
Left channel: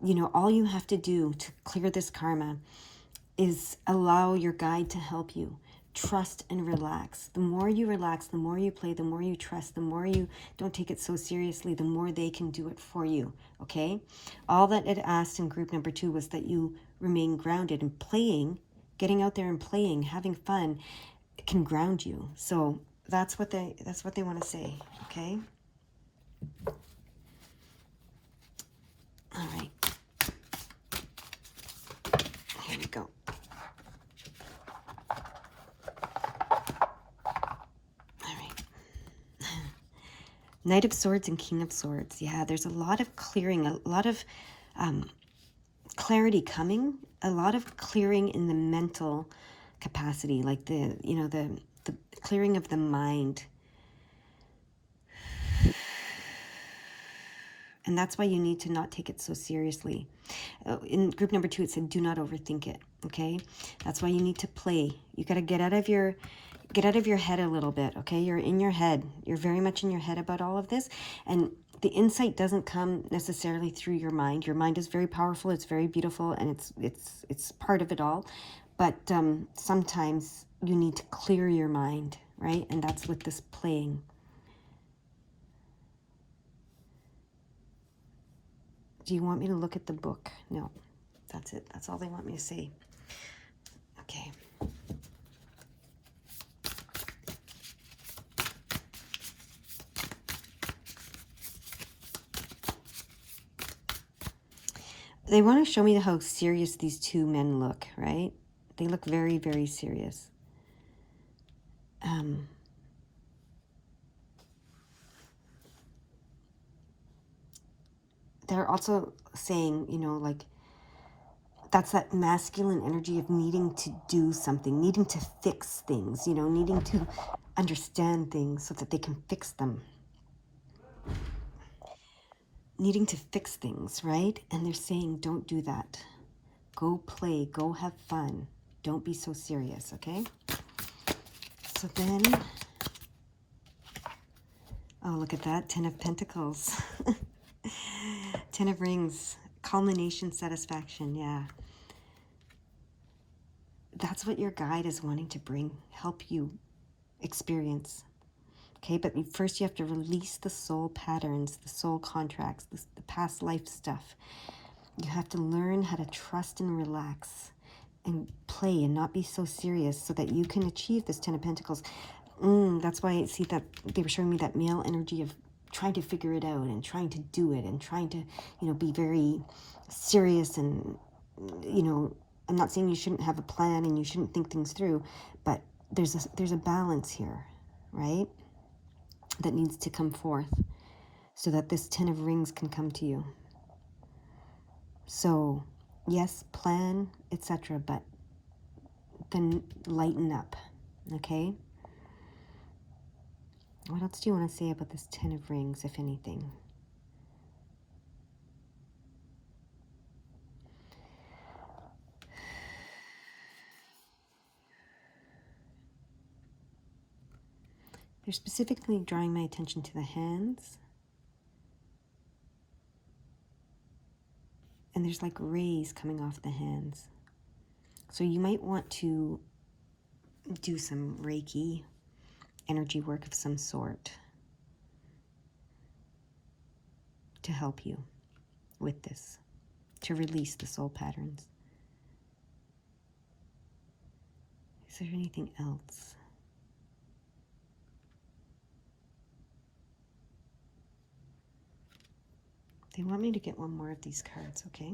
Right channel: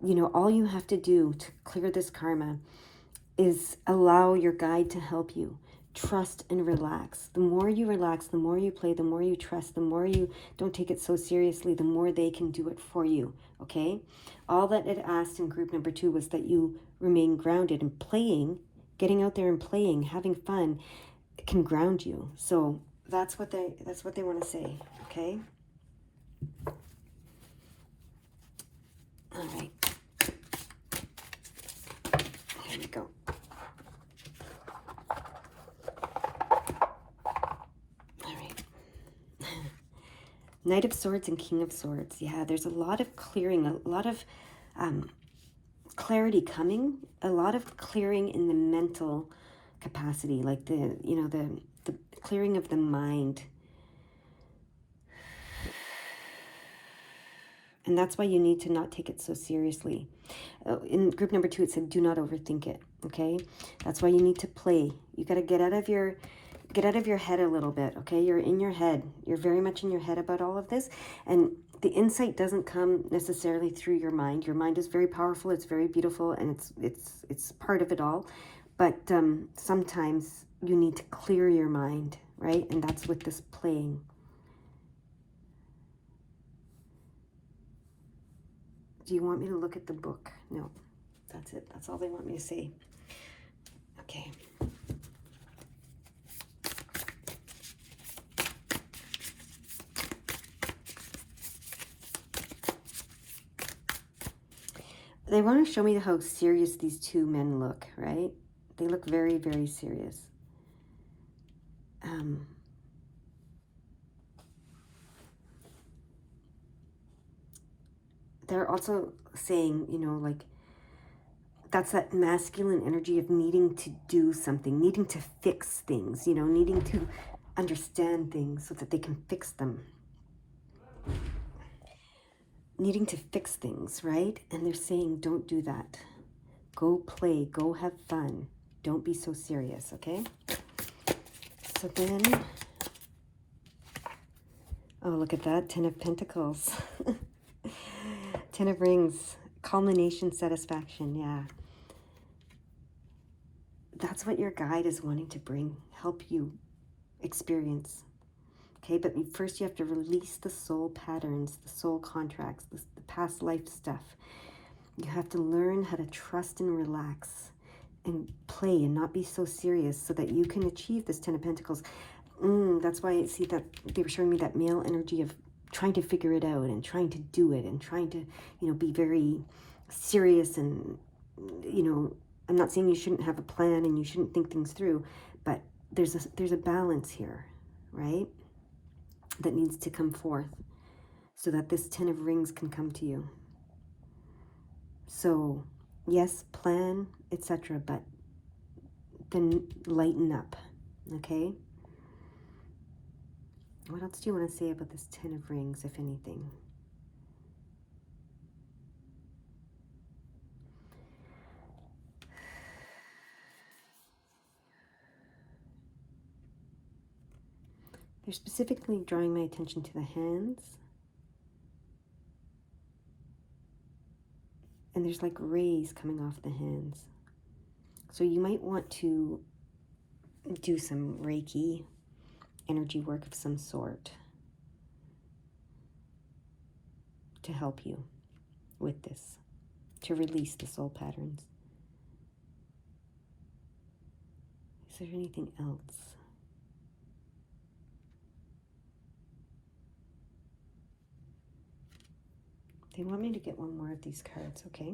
you know, all you have to do to clear this karma is allow your guide to help you. Trust and relax. The more you relax, the more you play, the more you trust, the more you don't take it so seriously, the more they can do it for you, okay? All that it asked in group number 2 was that you remain grounded, and playing, getting out there and playing, having fun can ground you. So that's what they want to say, okay? All right. Here we go. Knight of Swords and King of Swords. Yeah, there's a lot of clearing, a lot of clarity coming, a lot of clearing in the mental capacity, like the clearing of the mind. And that's why you need to not take it so seriously. In group number 2, it said, do not overthink it, okay? That's why you need to play. You got to get out of your head a little bit, okay? You're in your head. You're very much in your head about all of this. And the insight doesn't come necessarily through your mind. Your mind is very powerful. It's very beautiful, and it's part of it all. But sometimes you need to clear your mind, right? And that's with this playing. Do you want me to look at the book? No, that's it. That's all they want me to say. Okay. They want to show me how serious these two men look, right? They look very, very serious. They're also saying, you know, like, that's that masculine energy of needing to do something, needing to fix things, you know, needing to understand things so that they can fix them. Needing to fix things, right? And they're saying, don't do that. Go play, go have fun. Don't be so serious, okay? So then, oh, look at that, 10 of Pentacles. 10 of Rings, culmination, satisfaction, yeah. That's what your guide is wanting to bring, help you experience. Okay, but first you have to release the soul patterns, the soul contracts, the past life stuff. You have to learn how to trust and relax and play and not be so serious so that you can achieve this 10 of Pentacles. That's why I see that they were showing me that male energy of trying to figure it out and trying to do it and trying to, you know, be very serious. And, you know, I'm not saying you shouldn't have a plan and you shouldn't think things through, but there's a balance here, right? That needs to come forth so that this 10 of Rings can come to you. So, yes, plan, etc., but then lighten up, okay? What else do you want to say about this 10 of Rings, if anything? They're specifically drawing my attention to the hands. And there's like rays coming off the hands. So you might want to do some Reiki energy work of some sort to help you with this, to release the soul patterns. Is there anything else? They want me to get one more of these cards, okay?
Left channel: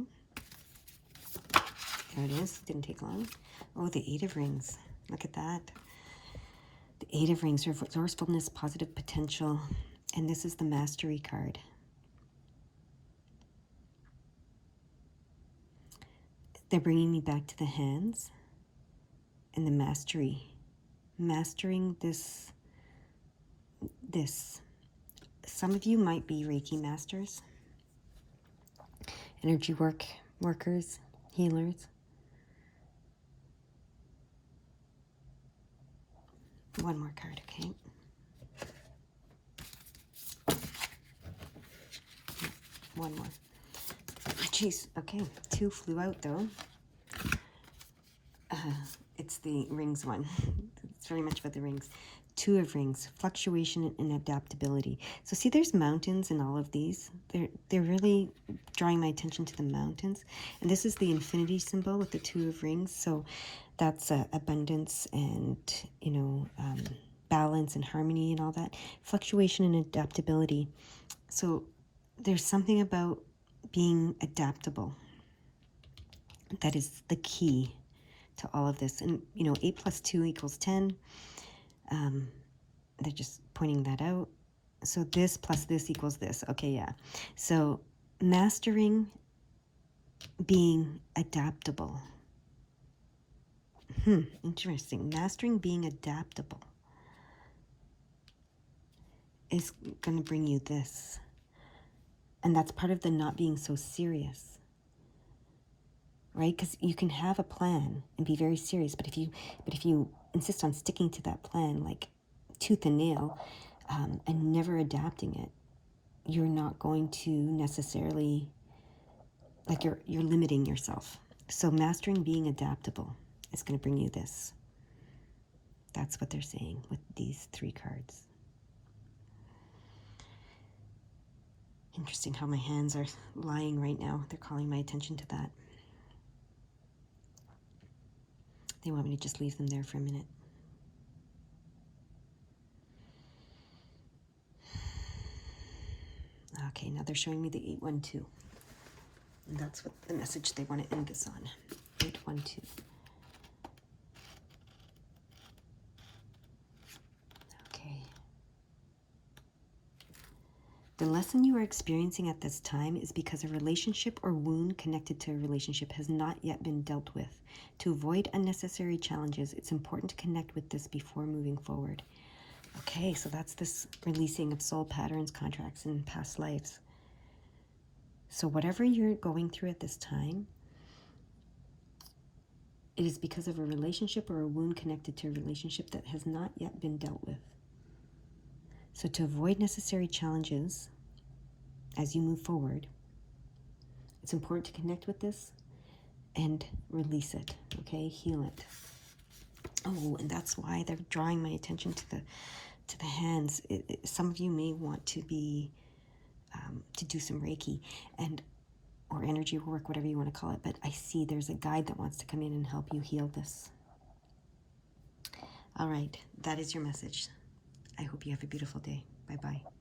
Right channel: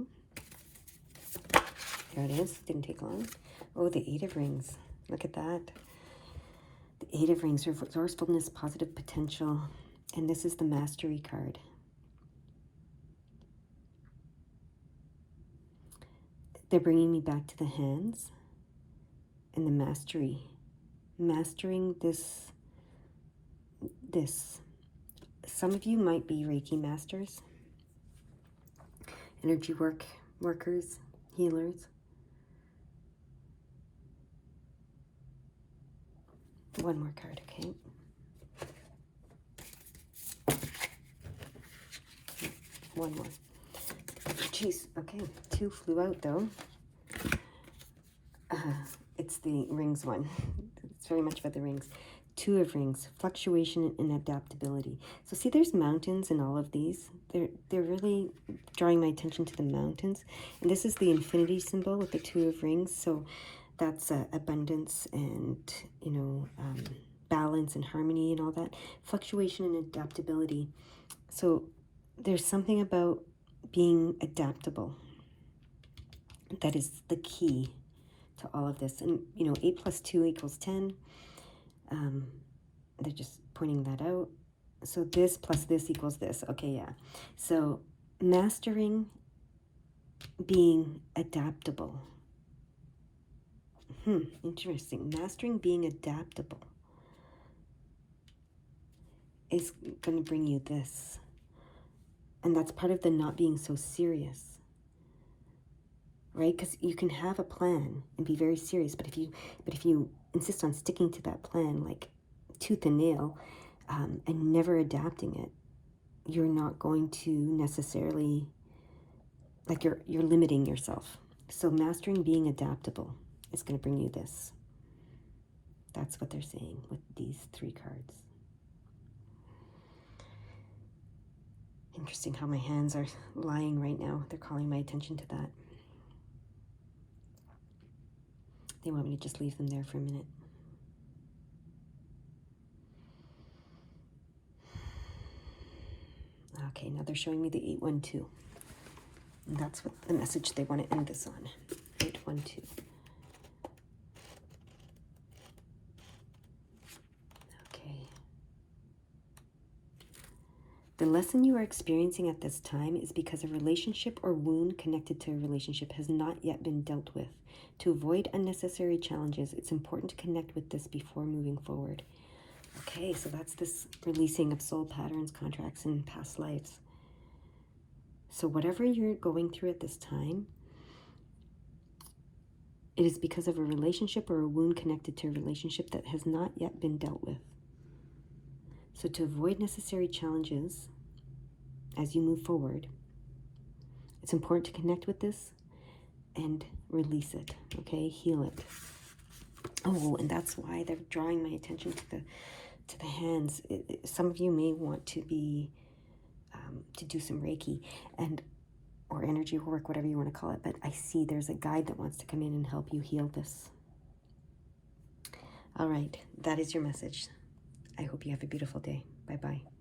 There it is. Didn't take long. Oh, the 8 of Rings. Look at that. The 8 of Rings, resourcefulness, positive potential. And this is the Mastery card. They're bringing me back to the hands and the mastery. Mastering this. Some of you might be Reiki masters, energy workers, healers. One more card, okay? One more. Oh, jeez, okay. 2 flew out, though. It's the Rings one. It's very much about the Rings. 2 of Rings, fluctuation and adaptability. So see, there's mountains in all of these. They're really drawing my attention to the mountains. And this is the infinity symbol with the 2 of Rings. So that's abundance and, you know, balance and harmony and all that. Fluctuation and adaptability. So there's something about being adaptable that is the key to all of this. And, you know, 8 plus 2 equals 10. They're just pointing that out. So this plus this equals this. Okay, yeah. So mastering being adaptable. Interesting. Mastering being adaptable is going to bring you this. And that's part of the not being so serious. Right? Because you can have a plan and be very serious, but if you insist on sticking to that plan like tooth and nail, and never adapting it, you're not going to necessarily, like, you're limiting yourself. So mastering being adaptable is going to bring you this. That's what they're saying with these 3 cards. Interesting how my hands are lying right now. They're calling my attention to that. They want me to just leave them there for a minute. Okay, now they're showing me the 812. And that's what the message they want to end this on. 812. Okay. The lesson you are experiencing at this time is because a relationship or wound connected to a relationship has not yet been dealt with. To avoid unnecessary challenges, it's important to connect with this before moving forward. Okay, so that's this releasing of soul patterns, contracts, and past lives. So whatever you're going through at this time, it is because of a relationship or a wound connected to a relationship that has not yet been dealt with. So to avoid necessary challenges as you move forward, it's important to connect with this and release it, okay? Heal it. Oh, and that's why they're drawing my attention to the hands. Some of you may want to be to do some Reiki or energy work, whatever you want to call it. But I see there's a guide that wants to come in and help you heal this. All right, that is your message. I hope you have a beautiful day. Bye-bye.